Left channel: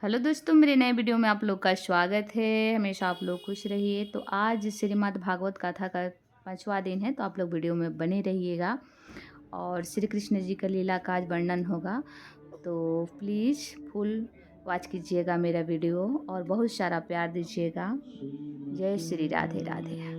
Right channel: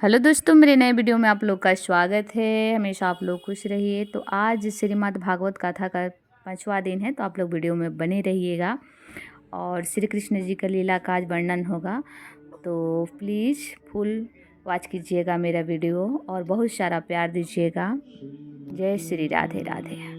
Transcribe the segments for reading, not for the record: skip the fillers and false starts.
Hello दोस्तों, मेरे नए वीडियो में आप लोग का स्वागत है। हमेशा आप लोग खुश रहिए। तो आज श्रीमद् भागवत कथा का 5वां दिन है, तो आप लोग वीडियो में बने रहिएगा और श्री कृष्ण जी का लीला का आज वर्णन होगा। तो प्लीज़ फुल वॉच कीजिएगा मेरा वीडियो और बहुत सारा प्यार दीजिएगा। जय श्री राधे राधे।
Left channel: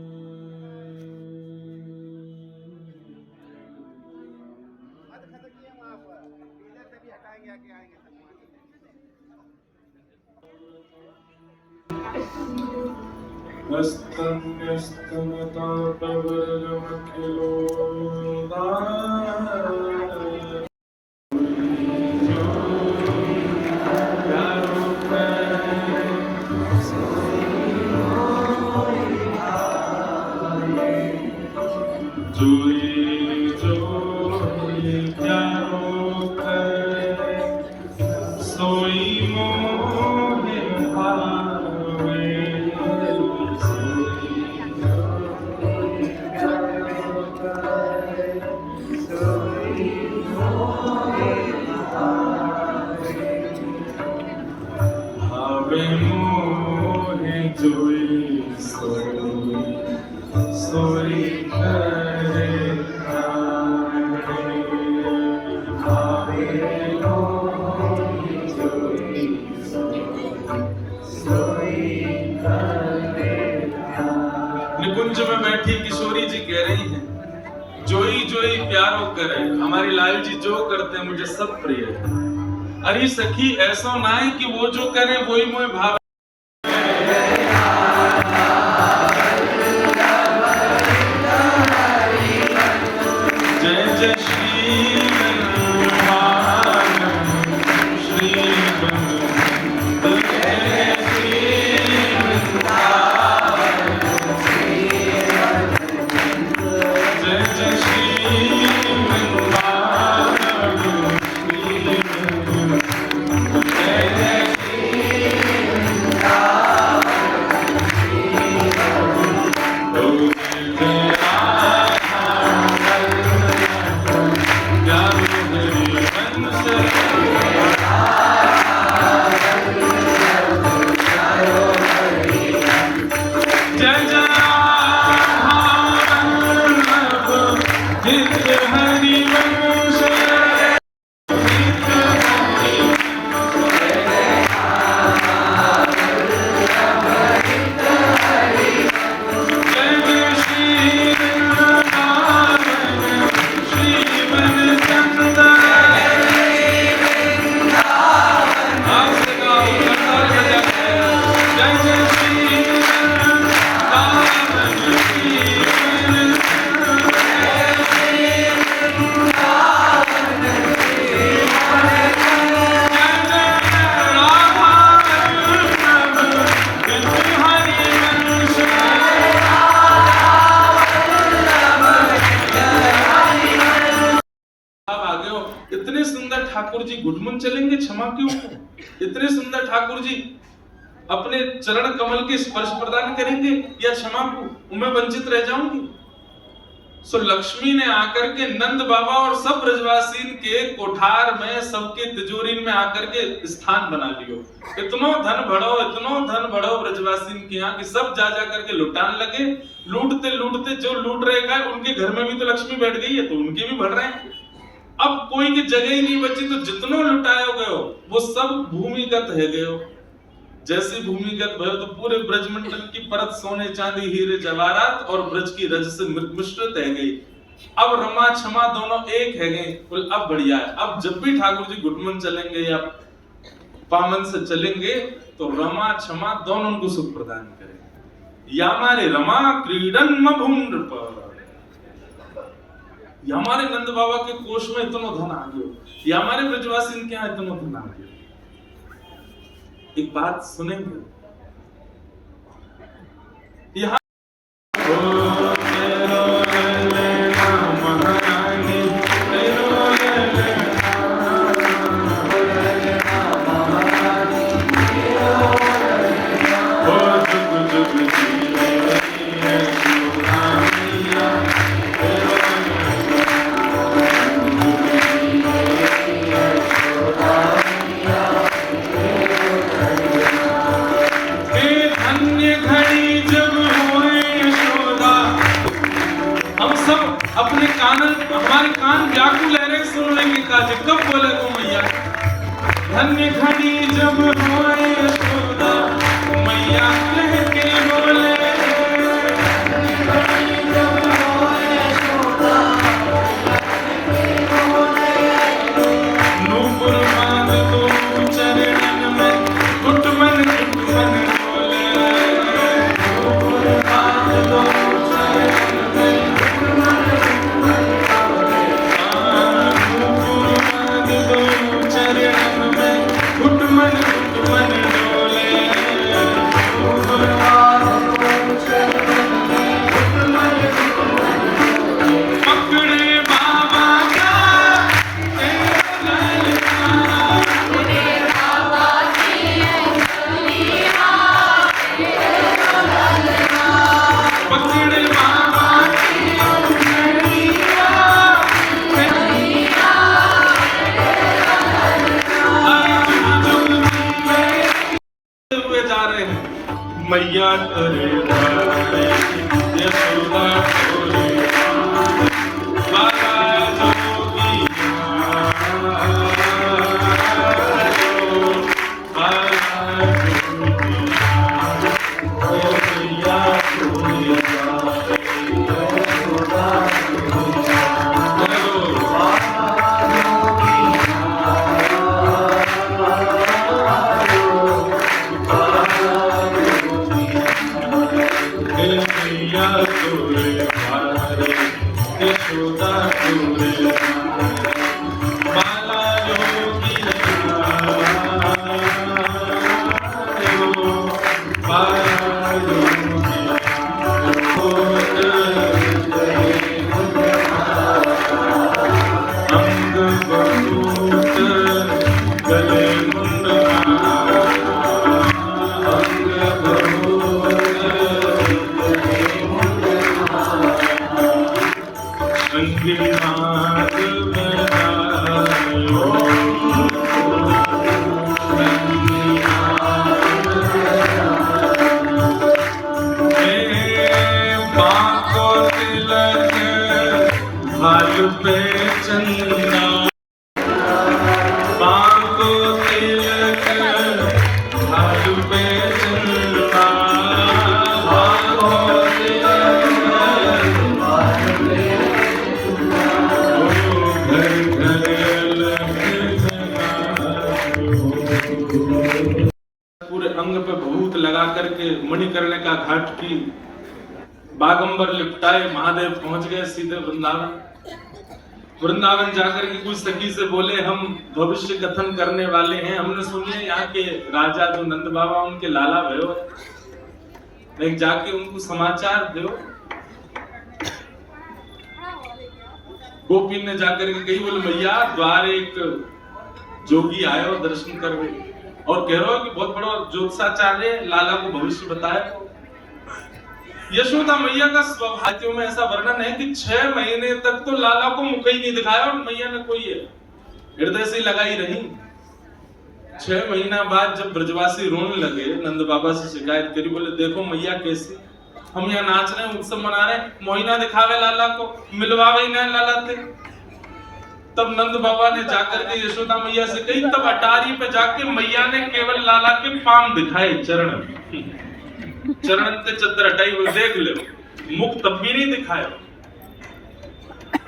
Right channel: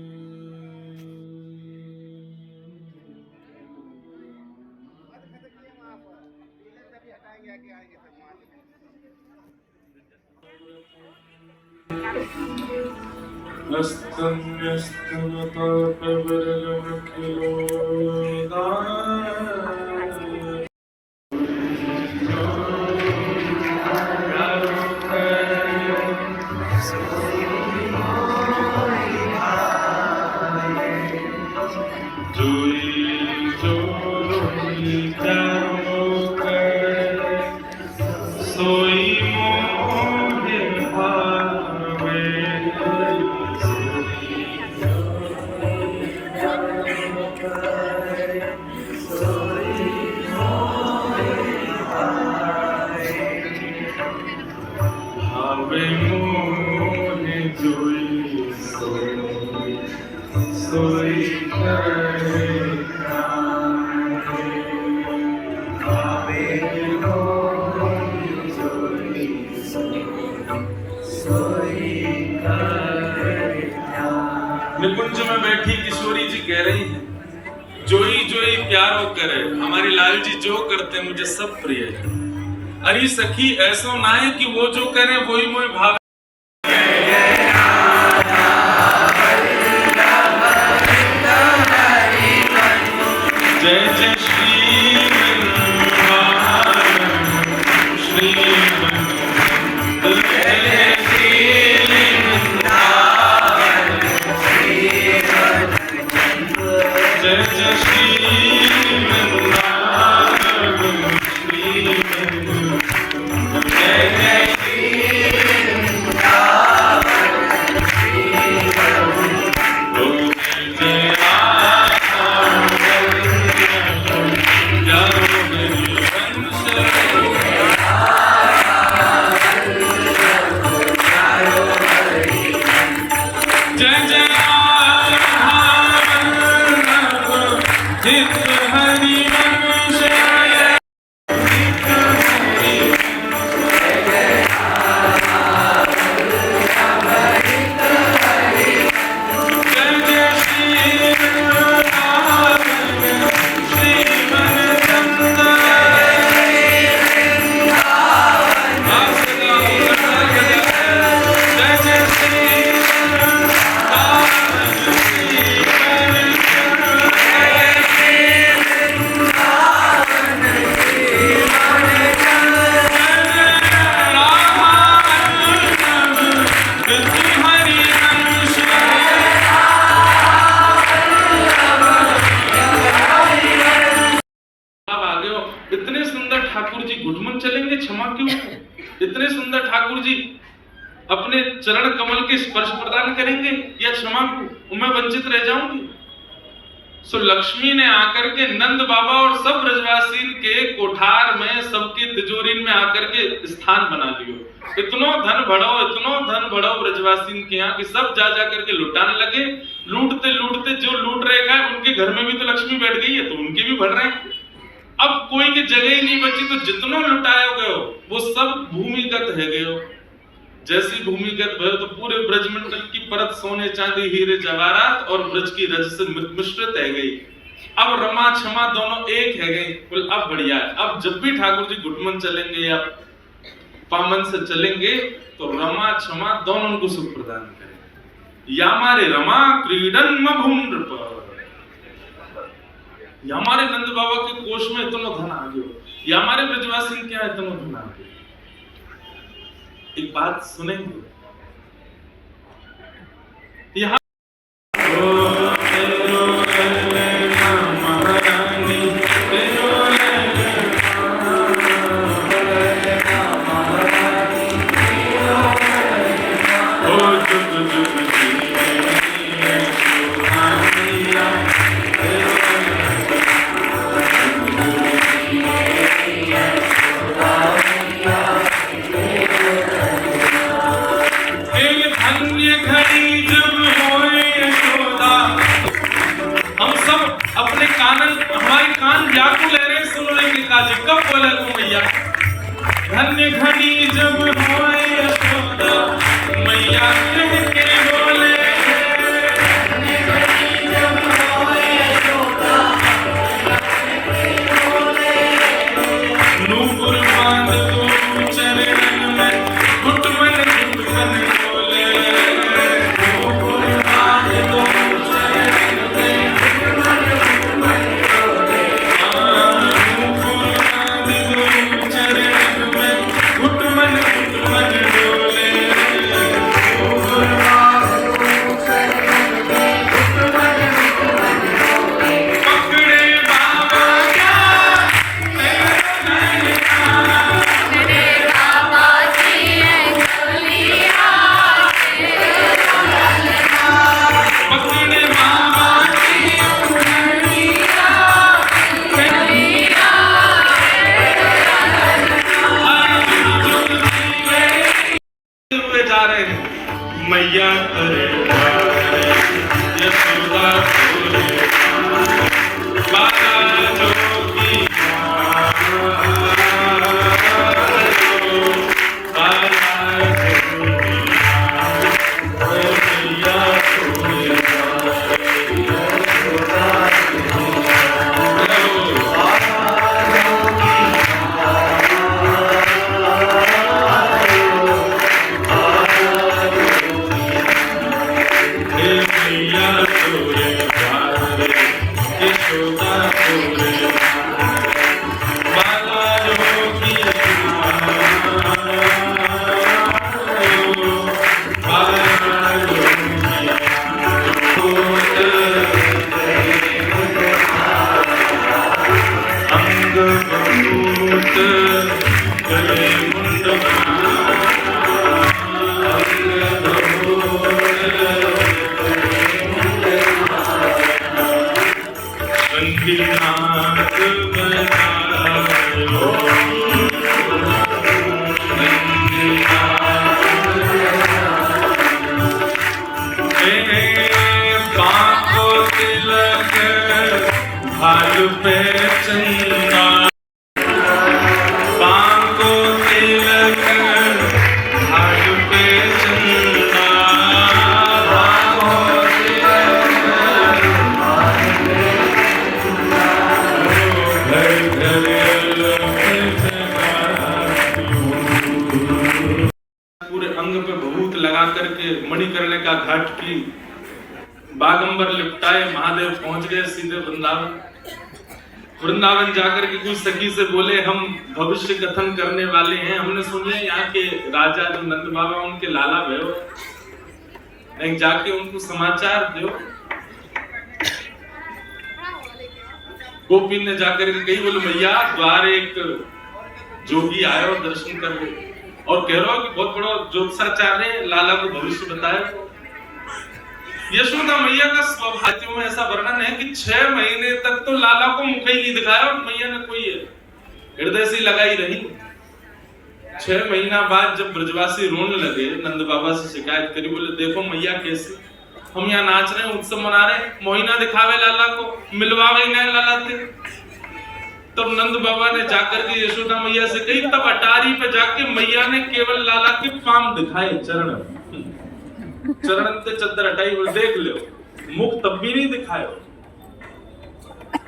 निकुंज में बैठी किशोरी जी कह रही हैं, जोई जोई प्यारो करे, हमारे लाल जी जो करते मुझे सब प्रिय है। अरे सखी ऐसो ना है कि वो जो करे वही मोह भाव। जय जय श्री इतने सुंदर ठाकुर जी घुटमन चलेंगे, क्षमा क्यों? इतने सुंदर ठाकुर जी अपने चरण कमल के स्पर्श प्रदान करेंगे या क्षमा को मैं वंचित रह जाऊंगी? सो लक्ष्मी ने आकर के नंद बाबा और सब ब्रजवासीन के कोठार में सबके तिजोरी में आकर के स्थान बना लियो। इतनो धन बढ़ाओ ब्रजवासीन के यहाँ कि सब जा करके लुटाने लगे। लूटते लूटते जो लूट रहे गए उनके घर में भी तो लक्ष्मी बैठ गई है, तो उनके भी बढ़ रहे हैं। अब कोई की जगह ही नहीं बची, तो जितनो लुटायो गयो वो सब भूमिगत है गयो। जैसी भूमिगत भयो तो पूरे ब्रजमंडल की परत सोने चांदी हीरे जवाहरात और ब्रज की रज से मिश्रित है गई। अब रमा क्षमा दोनों एक है गई। बोल अब बढ़िया है। अब जब भी ठाकुर जी घुटमन चलेंगे या पामन से चलेंगे तो रमा क्षमा दोनों को सुख प्रदान करेंगे। या हमारे रमा क्रीडन मभूम्र पर, हमारे नंद बाबा के कोष में इतना धन आ गयो, या हमारे ब्रजवासी के यहाँ इतना धन आ गयो। एक बात सुनेंगे यहाँ कब बोले तो मैया धन्य घड़ी जब होए यशोदा मैया कह के बोले नूपुर बांध दो चरणन में घुटमन बोले नूपुर बांध दो चरणन में नूपुर बांध दो चरणन में घुटमन डोले नूपुर बांध दो चरणन में घुटमन डोले पकड़े बाबा का जा रहे हैं मैया करे यशोदा बोले बाला जोगी यशोदा बोले बाला जोगी बाला जोगी अंग बंदूक गले मुंड अंग बंदूक संगीनाथ बजाओ बांको तिलक भाल पे चंदा बांको तिलक भाल पे चंदा बांको तिलक भाल पे पूरे अंग पे भभूत लगा करके मणिकर्णिका घाट की बागंबर लिपटाए महादेव पहुंच गए सीधे वृंदावन। वृंदावन जाकर के कुछ सखी से बोले हम भविष्य कथन करने वाले हैं, हमने सुनिए यहाँ के राजा जो नंद बाबा उनके लाला भयो, एक जाके उनको समाचार दो। गोपी ने जाकर के कही बोले मैया द्वार एक जोगी आयो दर्शन कर और कह रहा हो कि बहुत बड़ा ज्योतिषाचार्य लाला को भविष्य बताया। यशोदा मैया का स्वभाव में ऐसा वर्णन है कि 6 महीने तक तो लाला को मुख ही नहीं दिखाया और मैया ने कोई हृदय से लगाई रही। 6 महीना बाद जब ब्रजवासी रोने लगे नंद बाबा से शिकायत करी, बोले देखो मैया कैसी, हम यहाँ नाच रहे हैं उत्सव मना रहे हैं, मोहिना दिखावे लाला को, मिलवावे ना लाला थे। तब नंद बाबा ने जाकर के यशोदा मैया से कही, तब अटारी पे जाके मैया ने केवल लाला के पांव दिखाए, चरण चरण से चद्दर हटाई हुई देख लो, मुख तब भी नहीं दिखाया।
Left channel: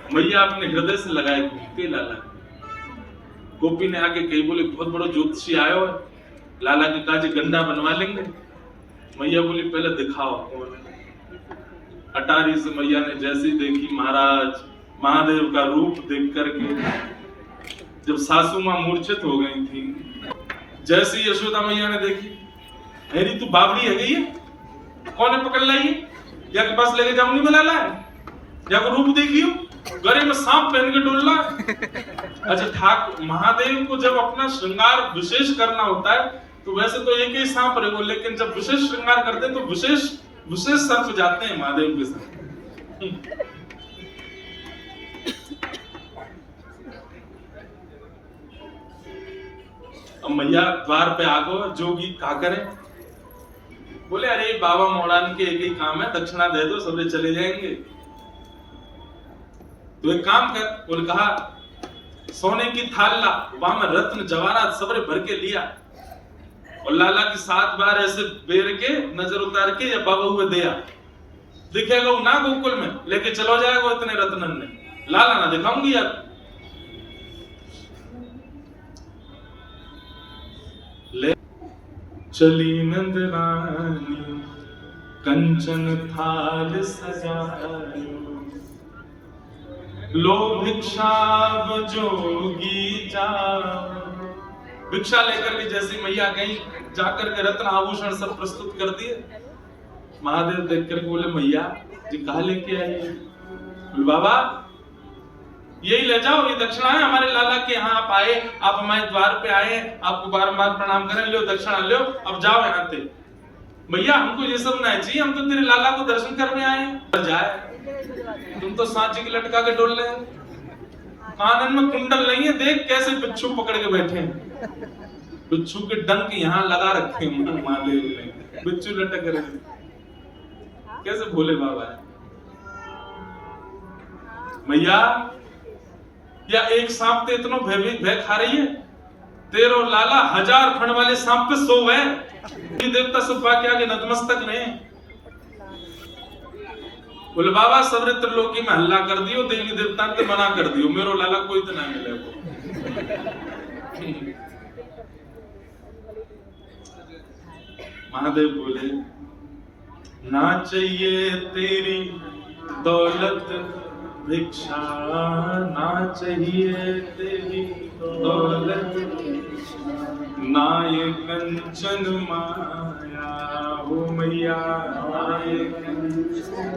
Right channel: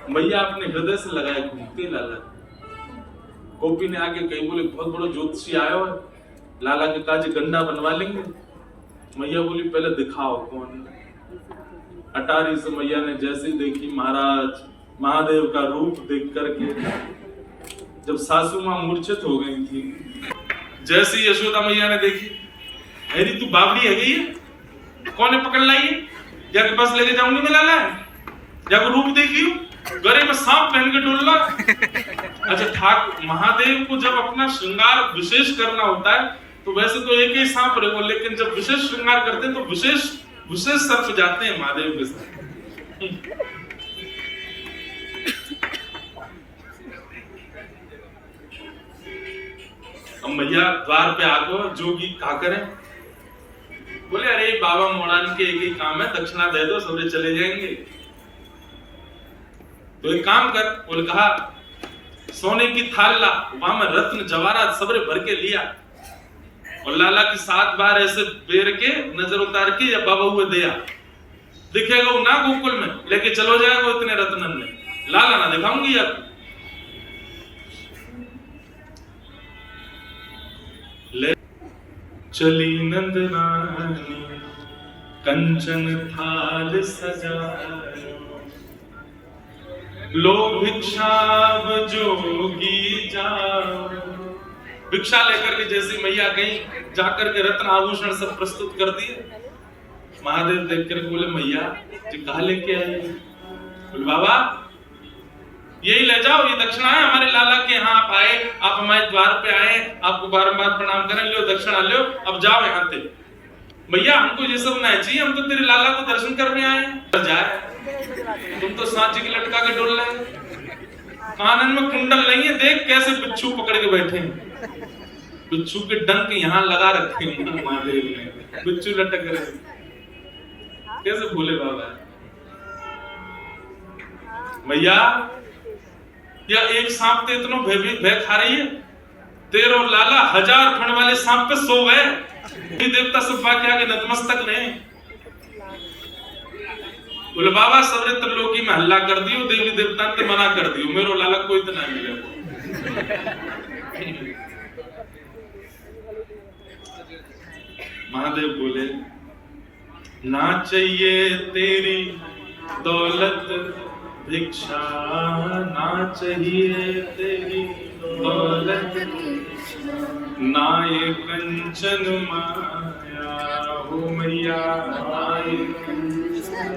मैया अपने हृदय से लगाए घूमते लाला। गोपी ने आगे कही बोले बहुत बड़ा ज्योतिषी आयो, लाला के काज गंडा बनवा लेंगे। मैया बोली पहले दिखाओ कौन। अटारी से मैया ने जैसे ही देखी महाराज महादेव का रूप देख करके जब सासू मां मूर्छित हो गई थी, जैसे यशोदा मैया ने देखी, अरे तू बावड़ी है गई है, कौन है पकड़ लाई, जाके पास लेके जाऊंगी मिला है, जाको रूप देखियो, गले में सांप पहन के डोलना। अच्छा ठाकुर महादेव को जब अपना श्रृंगार विशेष करना होता है तो वैसे तो एक ही सांप रहे, लेकिन जब विशेष श्रृंगार करते हैं तो विशेष सर्प जाते हैं महादेव के साथ। अब मैया द्वार पे आगो, जोगी का करें, बोले अरे बाबा मोड़ान के एक ही काम है, दक्षिणा दे दो सबरे चले जाएंगे। तो एक काम कर, बोले कहा सोने की थाल ला, वहां में रत्न जवाहरात सबरे भर के लिया और लाला की 7 बार ऐसे बेर के नजर उतार के या बाबा हुए दिया। दिखेगा वो ना गोकुल में, लेके चलो जाएगा वो इतने रत्नन में, लाला ना दिखाऊंगी यार। ले चली नंद रानी कंचन थाल सजायो, लो भिक्षा जोगी जाओ। भिक्षा लेकर के जैसी मैया गई, जाकर के रत्न आभूषण सब प्रस्तुत कर दिए। महादेव देख कर बोले मैया जी कहा लेके आए? बोले बाबा यही ले जाओ, ये दक्षिणा है हमारे लाला के यहाँ। आप आए, आप हमारे द्वार पे आए, आपको बारंबार प्रणाम करें, लो दक्षिणा लो, अब जाओ यहाँ से। भैया हमको ये सब नहीं चाहिए, हम तो तेरे लाला को दर्शन करने आए। जाए तुम तो सांची की लटका के डोल रहे, कानन में कुंडल नहीं है, देख कैसे बिच्छू पकड़ के बैठे हैं। बिच्छू के डंक यहाँ लगा रखे हैं महादेव ने, बिच्छू लटक रहे, कैसे भोले बाबा है। भैया या एक सांप ते इतनो भय खा रही है, तेरे और लाला 1000 फण वाले सांप पे सो गए। देवता सब बाकी आगे नतमस्तक ने। बोले बाबा सबरे त्रिलोकी में हल्ला कर दियो, देवी देवता ने मना कर दियो, मेरो लाला कोई तो ना मिलेगा। महादेव बोले ना चाहिए तेरी दौलत भिक्षा, ना चाहिए तेरी दौलत, ना ये कंचन माया हो मैया, ना ये कंचन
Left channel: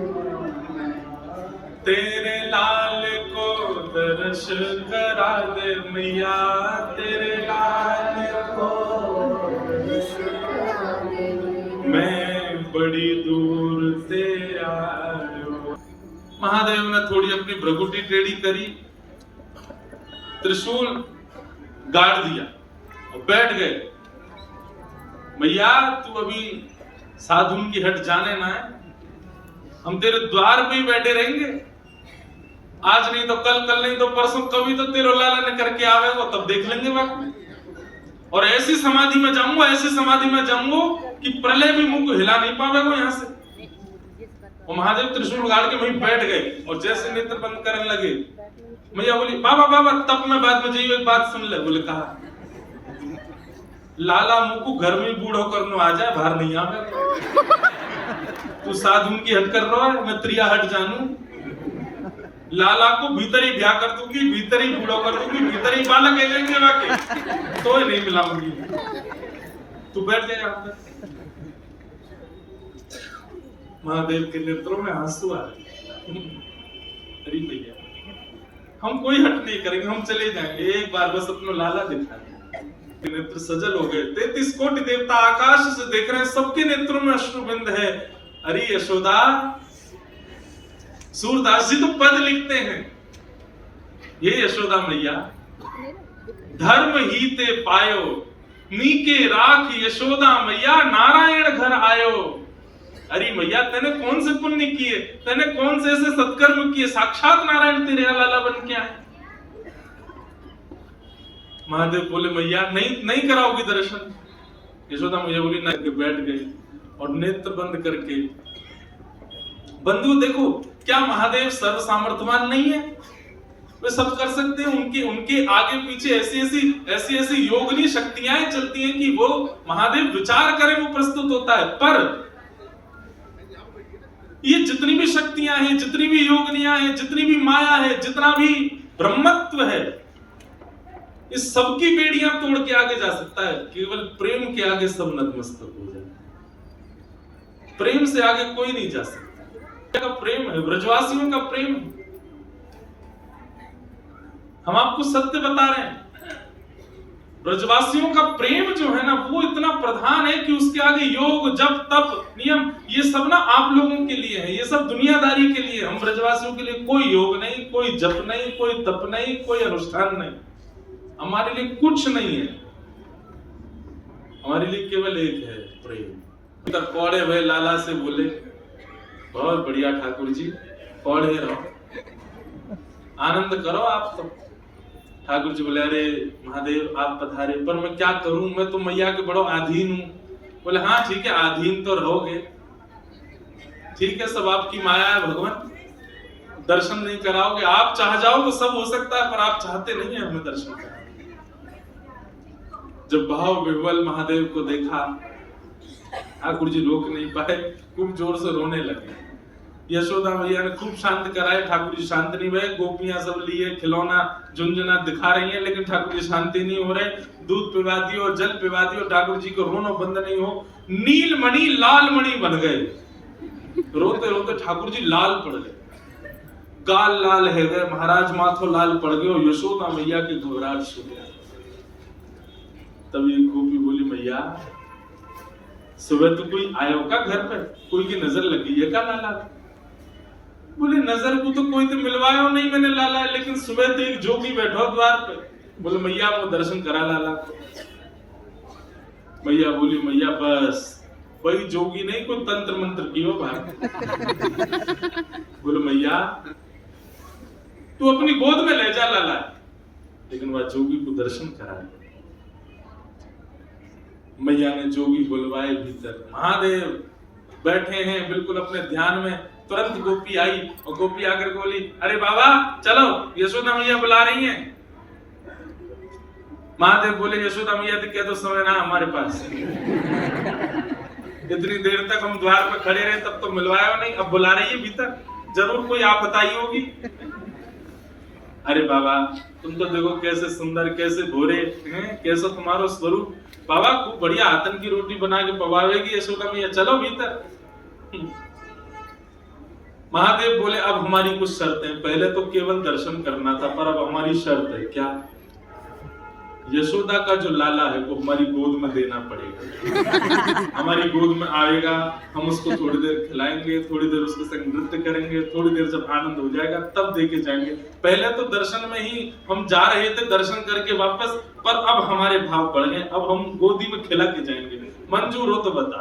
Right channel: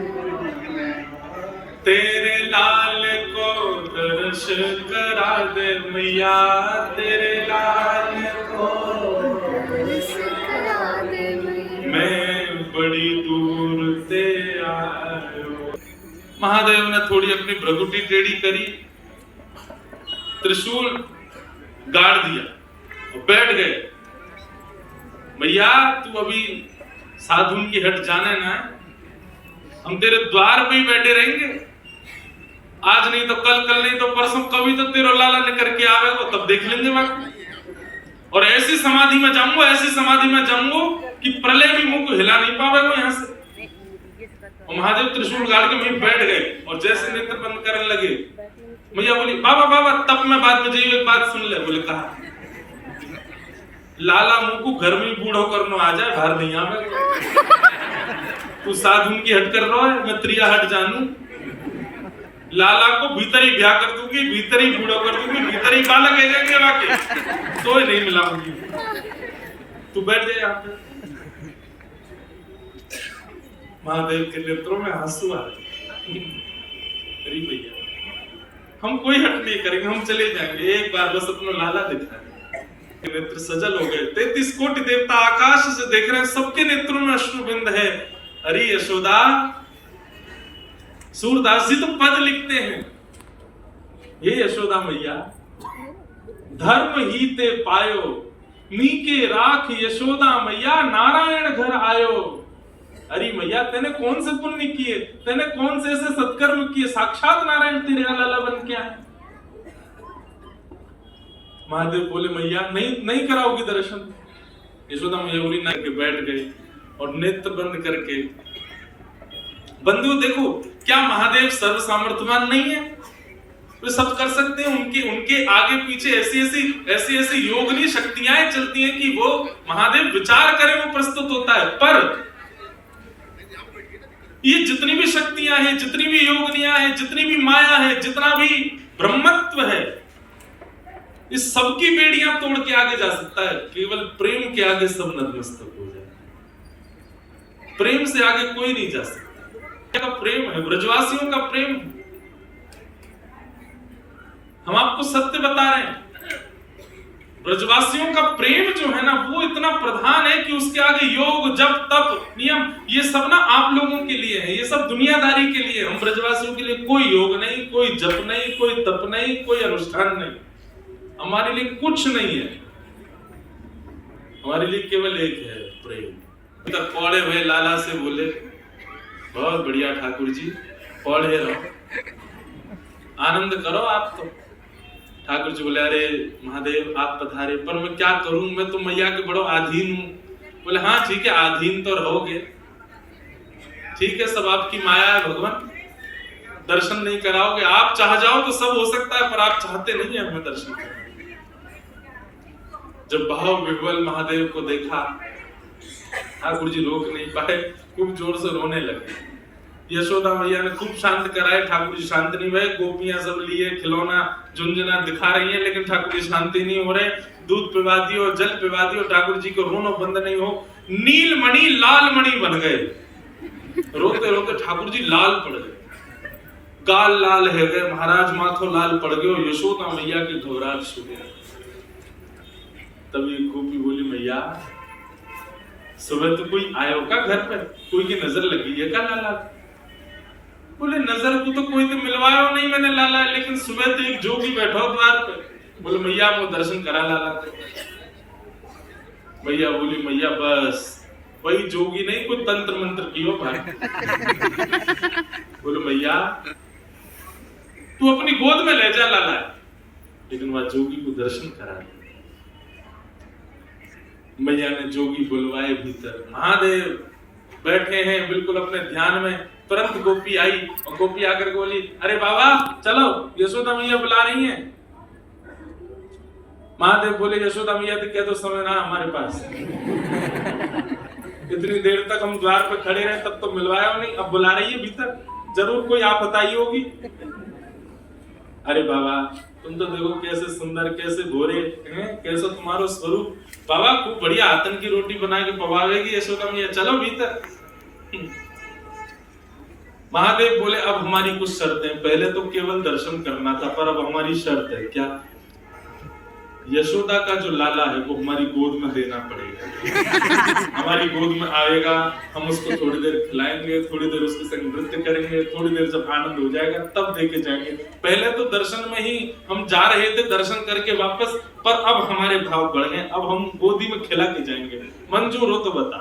तेरे लाल को दर्श करा दे मैया, तेरे लाल को दर्श करा दे मैया, मैं बड़ी दूर से आयो। महादेव ने थोड़ी अपनी भ्रगुटी टेढ़ी करी, त्रिशूल गाड़ दिया और बैठ गए। भैया तू अभी साधु की हट जाने ना है, हम तेरे द्वार पे ही बैठे रहेंगे, आज नहीं तो कल नहीं तो परसों, कभी तो तेरे लाला ने करके आवेगा, तब देख लेंगे बाकी। और ऐसी समाधि में जाऊंगा, ऐसी समाधि में जाऊंगा कि प्रलय भी मुंह को हिला नहीं पावेगा यहाँ से। और महादेव त्रिशूल गाड़ के वहीं बैठ गए और जैसे नेत्र बंद करने लगे, मैया बोली बाबा बाबा तब मैं बात में जाइए, एक बात सुन ले। बोले कहा लाला मुंह को घर में बूढ़ो करनो आ जाए, बाहर नहीं आवे। तू साधु की हट कर रहा है, मैं त्रिया हट जानू। लाला को भीतर ही ब्याह कर दूंगी, भीतर ही बूढ़ो कर दूंगी, भीतर ही बालक है जाएंगे बाकी, तो ही नहीं मिलाऊंगी। तू बैठ जाए यहाँ पे। महादेव के नेत्रों में आंसू आ रहे। अरे भैया हम कोई हट नहीं करेंगे, हम चले जाएंगे, एक बार बस अपना लाला दिखा दे। नेत्र सजल हो गए, 33 कोटि देवता आकाश से देख रहे हैं, सबके नेत्रों में अश्रुबिंद है। अरे यशोदा, सूरदास जी तो पद लिखते हैं, ये यशोदा मैया धर्म ही ते पायो, नीके राख यशोदा मैया, नारायण घर आयो। अरे मैया तेने कौन से पुण्य किए, तेने कौन से ऐसे सत्कर्म किए, साक्षात नारायण तेरे लाला बन के आए। महादेव बोले मैया नहीं कराओगी दर्शन। यशोदा मैया बोली ना, के बैठ गई और नेत्र बंद करके। बंधु देखो क्या महादेव सर्व सामर्थ्यवान नहीं है, वे सब कर सकते हैं। उनके आगे पीछे ऐसी योगनी शक्तियां चलती हैं कि वो महादेव विचार करें वो प्रस्तुत होता है। पर ये जितनी भी शक्तियां हैं, जितनी भी योगनियां हैं, जितनी भी माया है, जितना भी ब्रह्मत्व है, इस सबकी बेड़ियां तोड़ के आगे जा सकता है। केवल प्रेम के आगे सब नतमस्तक हो जाए। प्रेम से आगे कोई नहीं जा सकता। का प्रेम है, ब्रजवासियों का प्रेम। हम आपको सत्य बता रहे हैं, ब्रजवासियों का प्रेम जो है ना वो इतना प्रधान है कि उसके आगे योग जप तप नियम ये सब ना आप लोगों के लिए है, ये सब दुनियादारी के लिए। हम ब्रजवासियों के लिए कोई योग नहीं, कोई जप नहीं, कोई तप नहीं, कोई अनुष्ठान नहीं, हमारे लिए कुछ नहीं है। हमारे लिए केवल एक है प्रेम। पौड़े हुए लाला से बोले बहुत बढ़िया ठाकुर जी, पढ़े रहो, आनंद करो आप तो। ठाकुर जी बोले, अरे महादेव आप पधारे, पर मैं क्या करूं, मैं तो मैया के बड़ो आधीन हूं। बोले हाँ ठीक है, आधीन तो रहोगे, ठीक है, सब आपकी माया है भगवान, दर्शन नहीं कराओगे, आप चाह जाओ तो सब हो सकता है, पर आप चाहते नहीं है हमें दर्शन करना। जब भाव विह्वल महादेव को देखा, ठाकुर जी रोक नहीं पाए, खूब जोर से रोने लगे। यशोदा मैया ने खूब शांत कराए, ठाकुर जी शांत नहीं हुए। गोपियां सब लिए खिलौना झुंझुना दिखा रही हैं, लेकिन ठाकुर जी शांति नहीं हो रहे। दूध पिला दियो, जल पिला दियो, ठाकुर जी को रोना बंद नहीं हो। नील मणि लाल मणि बन गए, रोते रोते ठाकुर जी लाल पड़ गए, गाल लाल है गए, महाराज माथो लाल पड़ गए, और यशोदा मैया के घबराहट शुरू हो गया। तभी गोपी बोली, मैया सुबह तो कोई आयो का घर पे, कोई की नजर लगी है का लाला? बोले नजर को तो कोई तो मिलवायो नहीं मैंने लाला, लेकिन सुबह तो एक जोगी बैठो द्वार पे। बोले मैया को दर्शन करा लाला। मैया बोली, मैया बस वही जोगी नहीं, कोई तंत्र मंत्र की हो भाई। बोले मैया तू अपनी गोद में ले जा लाला, लेकिन वह जोगी को दर्शन करा। मैया ने जोगी बुलवाए भीतर, महादेव बैठे हैं बिल्कुल अपने ध्यान में। तुरंत गोपी आई, और गोपी आकर बोली, अरे बाबा चलो, यशोदा मैया बुला रही हैं। महादेव बोले, यशोदा मैया तो कह दो समय ना हमारे पास। इतनी देर तक हम द्वार पे खड़े रहे, तब तो मिलवाया नहीं, अब बुला रही है भीतर, जरूर कोई आपत्ति आई होगी। अरे बाबा तुम तो देखो कैसे सुंदर, कैसे गोरे हैं, कैसा तुम्हारा स्वरूप, बाबा खूब बढ़िया आतन की रोटी बना के पवावेगी यशोदा मैया, चलो भीतर। महादेव बोले, अब हमारी कुछ शर्तें, पहले तो केवल दर्शन करना था, पर अब हमारी शर्त है। क्या? यशोदा का जो लाला है वो हमारी गोद में देना पड़ेगा। हमारी गोद में आएगा, हम उसको थोड़ी देर खिलाएंगे, थोड़ी देर उसके संग नृत्य करेंगे, थोड़ी देर जब आनंद हो जाएगा तब देके जाएंगे। पहले तो दर्शन में ही हम जा रहे थे, दर्शन करके वापस, पर अब हमारे भाव बढ़ गए, अब हम गोदी में खिला के जाएंगे, मंजूर हो तो बता।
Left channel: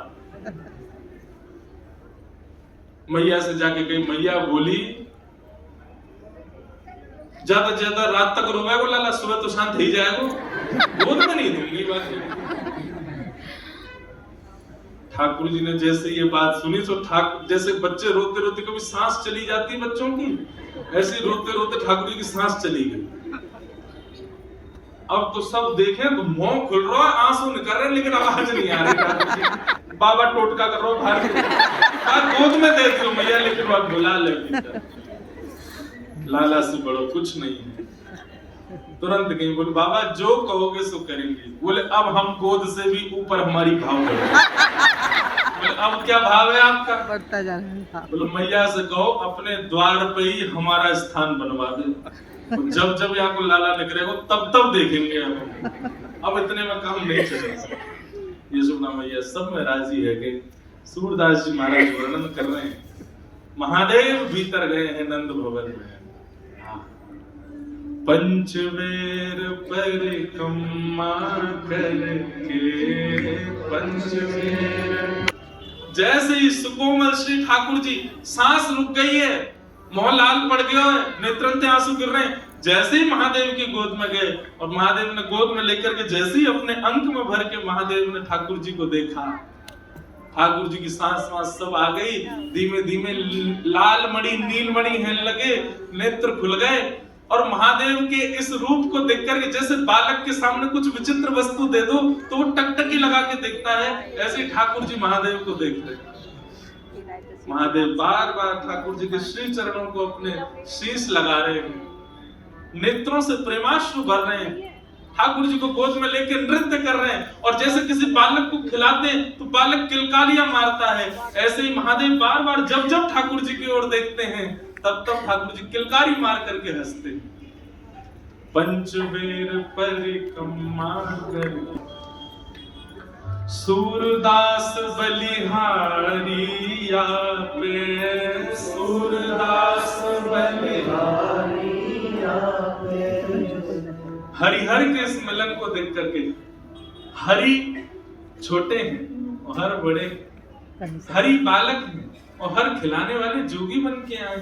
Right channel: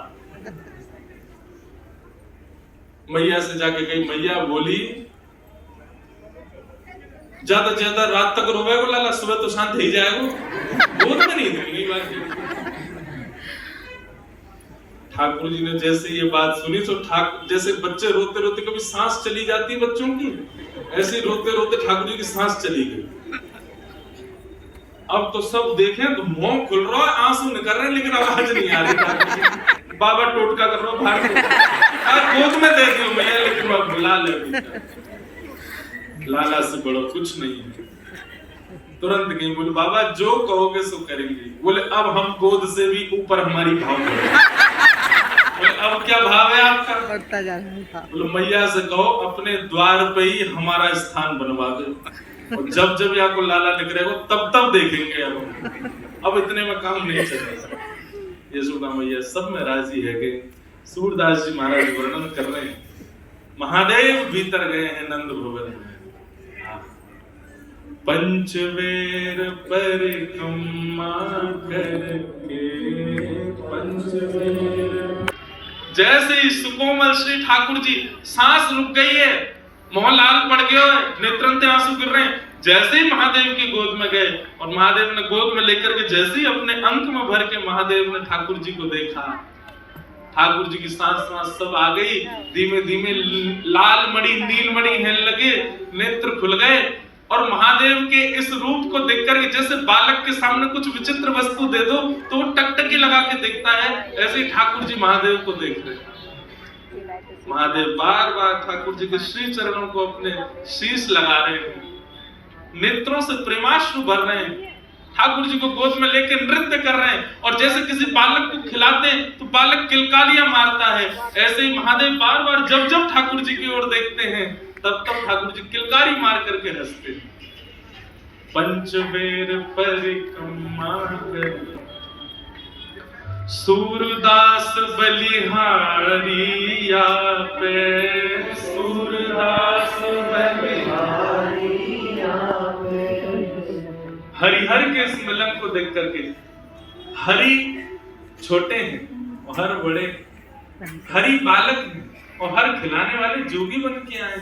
मैया से जाके गई, मैया बोली, ज्यादा ज्यादा रात तक रोवे वो लाला, सुबह तो शांत ही जाएगा, गोद में नहीं दूंगी बात। ठाकुर जी ने जैसे ये बात सुनी तो जैसे बच्चे रोते रोते कभी सांस चली जाती है बच्चों की, ऐसे रोते रोते ठाकुर जी की सांस चली गई। अब तो सब देखें तो मुंह खुल रहा है, आंसू निकल रहे हैं, लेकिन आवाज नहीं आ रही। बाबा टोटका कर रहा हूं, बाहर गोद में दे दियो मैया, लेकिन वह बुला ले, लाला से बड़ो कुछ नहीं है। तुरंत गई, बोले बाबा जो कहोगे सो करेंगे। बोले अब हम गोद से भी ऊपर हमारी भाव है। बोले अब क्या भाव है आपका? बोले मैया से कहो अपने द्वार पे ही हमारा स्थान बनवा दे, और जब जब यहाँ को लाला निकलेगा तब तब देखेंगे हम, अब इतने में काम नहीं चलेगा। यशोदा मैया सब में राजी है कि सूरदास जी महाराज वर्णन कर रहे हैं, महादेव भीतर गए हैं नंद भवन में। पंचवेर परिक्रमा करके, पंचवेर। जैसे ही सुकोमल श्री ठाकुर जी, सांस रुक गई है, मोह लाल पड़ गया है, नेत्रन से आंसू गिर रहे हैं, जैसे ही महादेव की गोद में गए, और महादेव ने गोद में लेकर के जैसे ही अपने अंक में भर के महादेव ने ठाकुर जी को देखा, ठाकुर जी की सांस सब आ गई, धीमे धीमे लाल मणि नील मणि हिलने लगे, नेत्र खुल गए, और महादेव के इस रूप को देखकर के जैसे बालक के सामने कुछ विचित्र वस्तु दे दो तो वो टकटकी लगा के देखता है, ऐसे ही ठाकुर जी महादेव को देख रहे। महादेव बार बार ठाकुर जी के श्री चरणों को अपने शीश लगा रहे हैं, नेत्रों से प्रेमाश्रु भर रहे हैं, ठाकुर जी को गोद में लेकर नृत्य कर रहे हैं, और जैसे किसी बालक को खिलाते हैं तो बालक किलकारियां मारता है, ऐसे ही महादेव बार बार जब जब ठाकुर जी की ओर देखते हैं तब तब ठाकुर जी किलकारी मार करके हंसते हैं। पंचवेर परिक्रमा कर, सूरदास बलिहारिया पे, सूरदास बलिहारिया पे। हरिहर के इस मिलन को देख करके, हरि छोटे हैं और हर बड़े, हरि बालक हैं और हर खिलाने वाले जोगी बन के आए।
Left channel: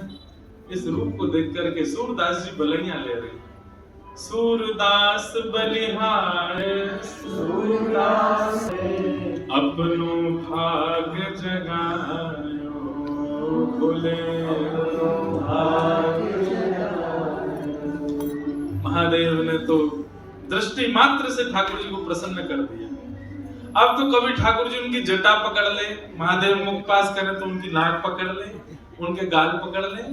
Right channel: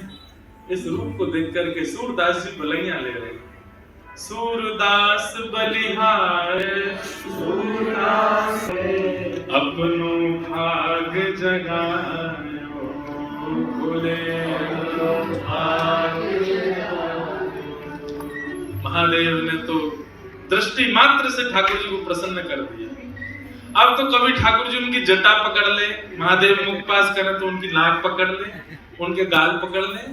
इस रूप को देख करके सूरदास जी बलैया ले रहे हैं। सूरदास बलिहार अपनो भाग जगायो बोले महादेव ने तो दृष्टि मात्र से ठाकुर जी को प्रसन्न कर दिया। अब तो कभी ठाकुर जी उनकी जटा पकड़ ले, महादेव मुख पास करें तो उनकी नाक पकड़ ले, उनके गाल पकड़ ले,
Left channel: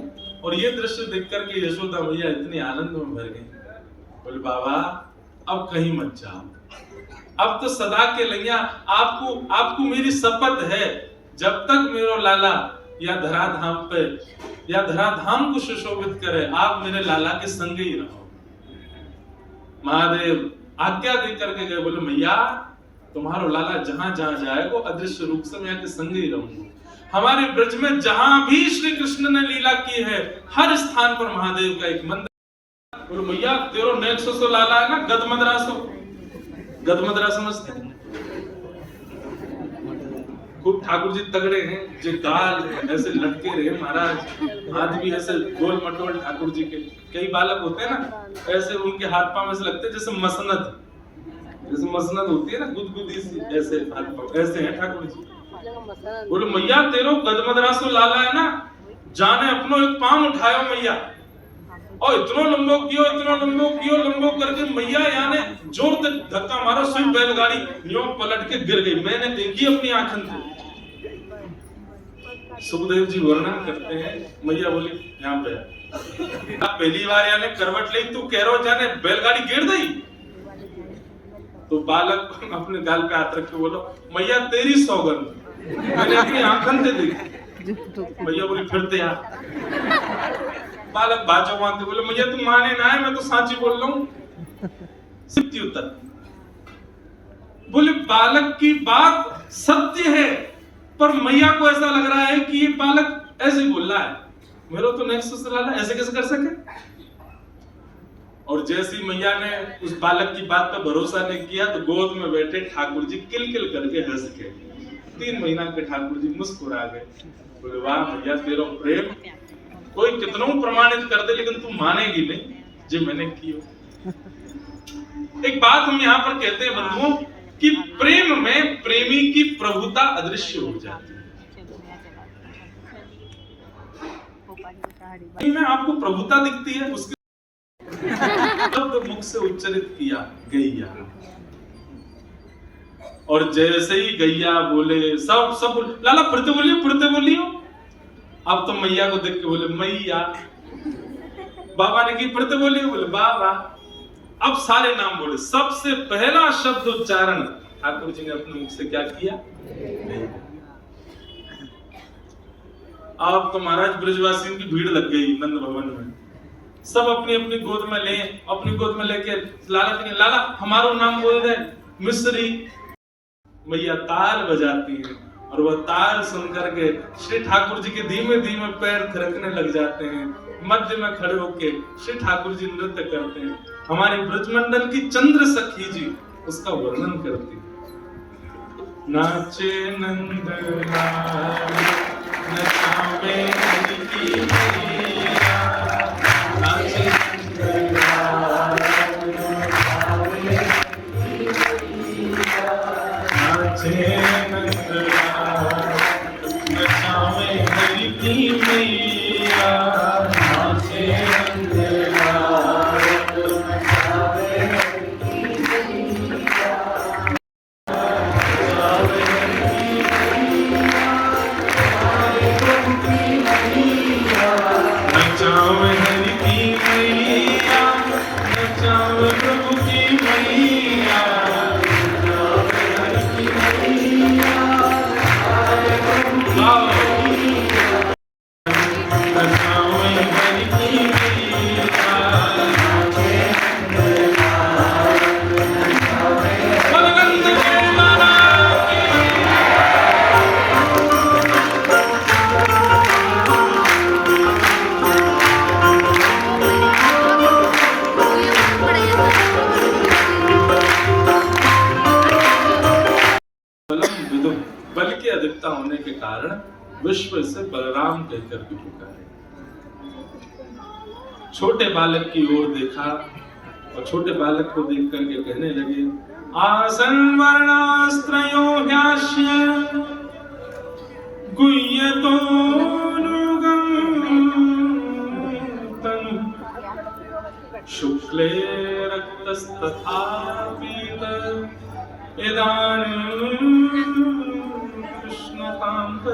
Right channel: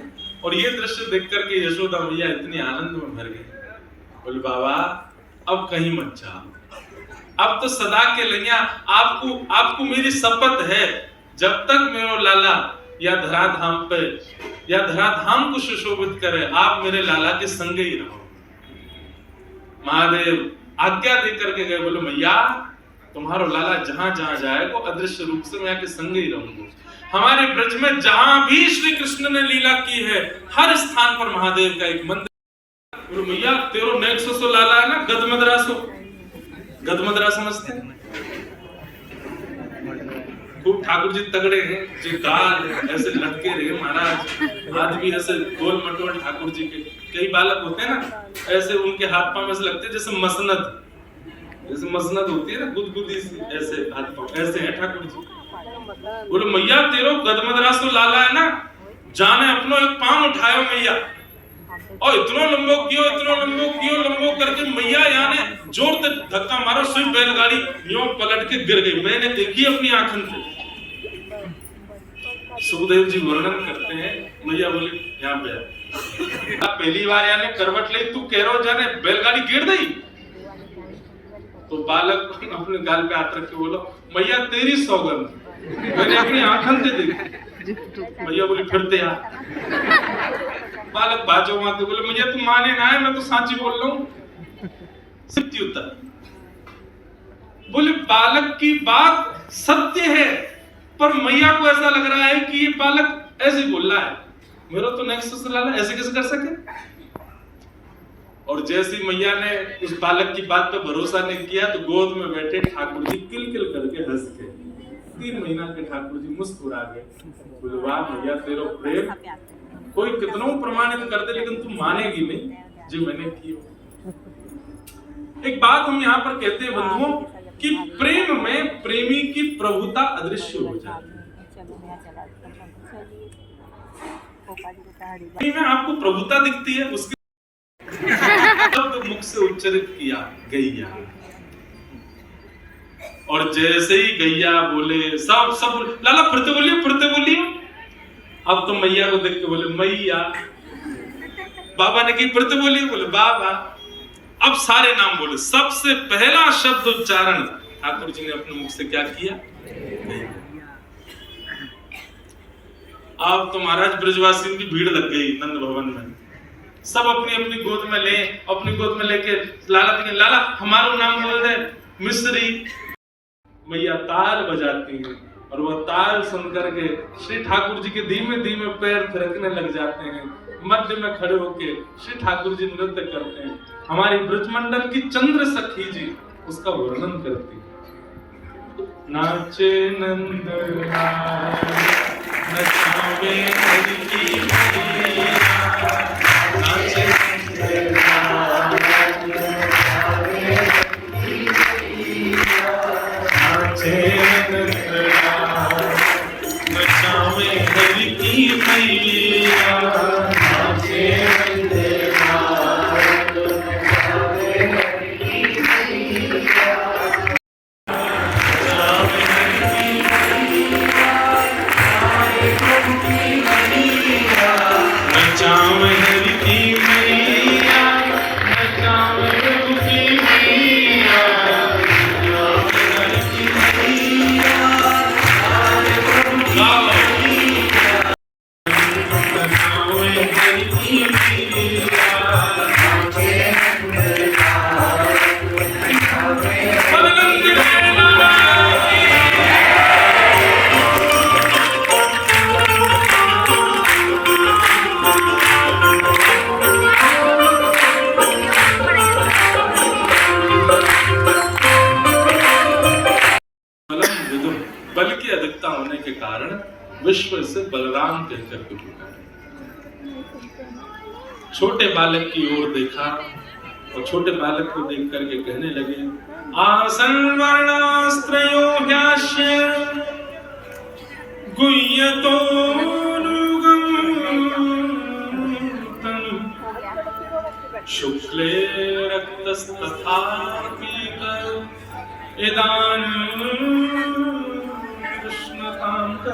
और ये दृश्य देख करके यशोदा मैया इतनी आनंद में भर गई। बोले बाबा अब कहीं मत जाओ, अब तो सदा के लिए आपको मेरी शपथ है, जब तक मेरो लाला या धराधाम पे या धराधाम को सुशोभित करे आप मेरे लाला के संग ही रहो। महादेव आज्ञा दे करके गए, बोले मैया तुम्हारो लाला जहां जहां जाए वो अदृश्य रूप से मैं के संग ही रहूंगा। हमारे ब्रज में जहां भी श्री कृष्ण ने लीला की है हर स्थान पर महादेव का एक मंदिर। बोले मैया तेरो नेक्सो सो लाला है ना, गदमदरा समझते हैं? खूब ठाकुर जी तगड़े हैं, जो गाल ऐसे लटके रहे महाराज, आदमी ऐसे गोल मटोल ठाकुर जी के। कई बालक होते हैं ना ऐसे, उनके हाथ पांव ऐसे लगते हैं जैसे मसनद होती है ना, गुदगुदी सी, ऐसे हाथ पांव ऐसे हैं ठाकुर जी। बोले मैया तेरो गदमदरा सो लाला है ना, जाने अपनो एक पांव उठायो मैया, और इतनो लंबो लंबो करके मैया याने जोर से धक्का मारो, सिर्फ बैलगाड़ी यूं पलट के गिर गई। मैंने देखी अपनी आंखों से। सुखदेव जी वर्णन करते हैं, मैया बोली यहाँ पे पहली बार यानी करवट ली तू कह रहा जाने बैलगाड़ी गिर गई। तो बालक अपने गाल पे हाथ रख के बोलो मैया तेरी सौगंध, मैंने अपनी आंखों से देखी। मैया बोली फिरते यहाँ। बालक बाजो मारते बोले मुझे तुम माने ना है, मैं तो साची बोल रहा हूँ। सत्य उत्तर। बोले बालक की बात सत्य है, पर मैया को ऐसा लग रहा है कि ये बालक ऐसे बोल रहा है, मेरा तो नेक्स्ट लाला ऐसे कैसे कर सके। और जैसी मैया ने उस बालक की बात पे भरोसा नहीं किया तो गोद में बैठे ठाकुर जी किलकिल करके हंस के 3 महीना के ठाकुर जी मुस्कुरा गए। बोले वाह मैया तेरो प्रेम कोई कितनों प्रमाणित कर दे लेकिन तू मानेगी नहीं जो मैंने किया। एक बात हम यहाँ पर कहते हैं बंधुओं कि प्रेम में प्रेमी की प्रभुता अदृश्य हो जाती है। में आपको प्रभुता दिखती है, उसके शब्द मुख से उच्चारित किया गैया, और जैसे ही गैया बोले सब लाला फिरते बोलियो। अब तो मैया को देख के बोले मैया, बाबा ने की फिरते बोलिए, बोले बाबा। अब सारे नाम बोले, सबसे पहला शब्द उच्चारण ठाकुर जी ने अपने मुख से क्या किया। अब तो महाराज ब्रजवासियों की भीड़ लग गई नंद भवन में, सब अपनी अपनी गोद में ले, अपनी गोद में लेके लाला हमारा नाम बोल दे मिस्री। मैया ताल बजाती है और वह ताल सुनकर के श्री ठाकुर जी के धीमे धीमे पैर थिरकने लग जाते हैं। मध्य में खड़े होके श्री ठाकुर जी नृत्य करते हैं। हमारी ब्रजमंडल की चंद्र सखी जी उसका वर्णन करती है। नाचे नंद नचावे हरि की मैया, नाचे नचावे हरि की मैया, बल की अधिकता होने के कारण विश्व से बलराम कहकर के पुकारे। छोटे बालक की ओर देखा और छोटे बालक को देख करके कहने लगे, आसन वर्णास्त्रयो ह्यास्य गुह्यतो शुक्ले रक्तस्तथा पीत इदानीं कृष्णकांत।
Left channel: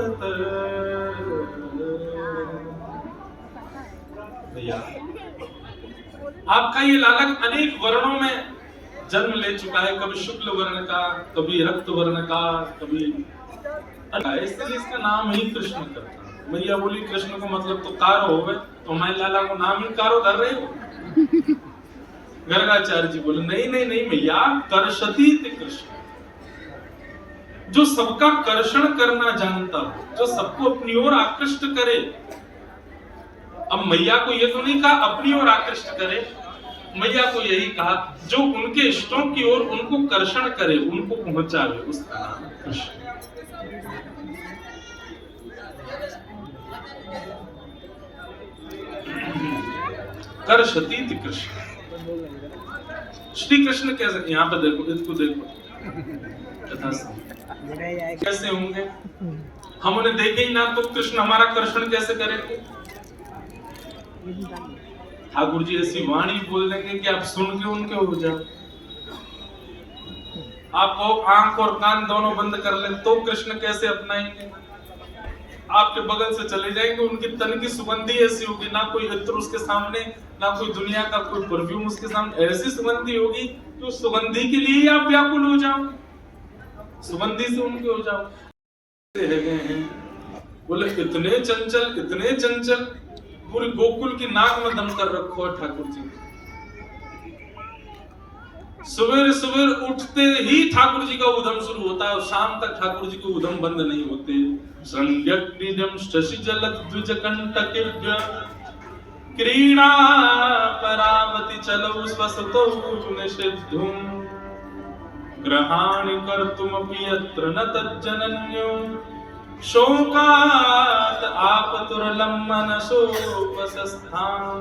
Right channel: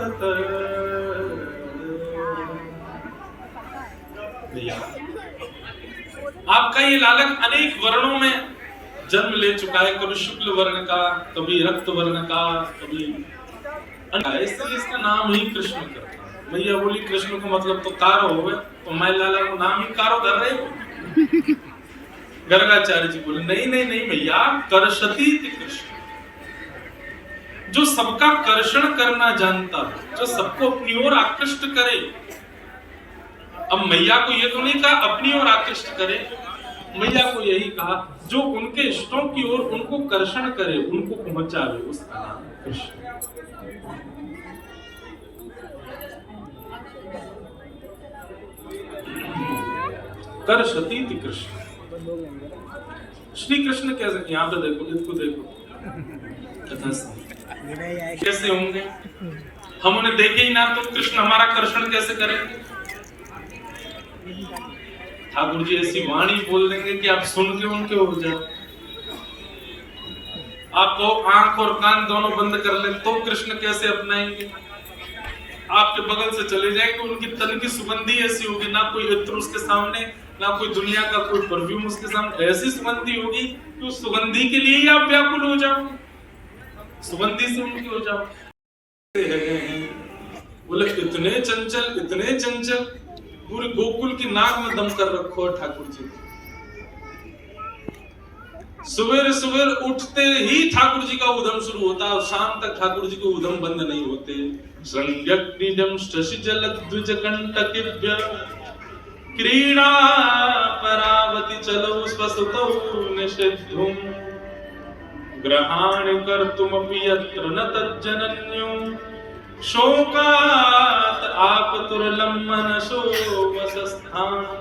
भैया आपका ये लालक अनेक वर्णों में जन्म ले चुका है, कभी शुक्ल वर्ण का, कभी रक्त वर्ण का, कभी इसलिए इसका नाम ही कृष्ण करते। मैया बोली कृष्ण को मतलब तो कारो हो गए, तो हमारे लाला को नाम ही कारो धर रहे हो। गर्गाचार्य जी बोले नहीं नहीं नहीं भैया, कर्षति कृष्ण, जो सबका कर्षण करना जानता है, जो सबको अपनी ओर आकृष्ट करे। अब मैया को ये तो नहीं कहा अपनी ओर आकृष्ट करे, मैया को यही कहा जो उनके इष्टों की ओर उनको कर्षण करे, उनको पहुंचावे, उसका नाम कृष्ण। कर्षति कृष्ण। श्री कृष्ण कैसे, यहाँ पे देखो, इसको देखो कथा से कैसे होंगे, हम उन्हें देखे ही ना तो कृष्ण हमारा कर्षण कैसे करेंगे। ठाकुर जी ऐसी वाणी बोल देंगे कि आप सुन के उनके हो जाओ। आपको आंख और कान दोनों बंद कर ले तो कृष्ण कैसे अपनाएंगे। आपके बगल से चले जाएंगे, उनकी तन की सुगंधी ऐसी होगी, ना कोई इत्र उसके सामने, ना कोई दुनिया का कोई परफ्यूम उसके सामने, ऐसी सुगंधी होगी कि उस सुगंधी के लिए ही आप व्याकुल हो जाओ, सुगंधी से उनके हो जाओ। बोले इतने चंचल, इतने चंचल, पूरे गोकुल की नाक में दम कर रखो है ठाकुर जी। सुबह सुबह उठते ही ठाकुर जी का उद्यम शुरू होता है और शाम तक ठाकुर जी के उद्यम बंद नहीं होते। संज्ञक्निजम शशि जलक द्विज कंटकिव्य क्रीड़ा परावति चलो स्वसतो निषिद्धुम ग्रहाणि कर्तुमपि यत्र न तज्जनन्यो शोकात आकुतुरलं मनसो वसस्थान।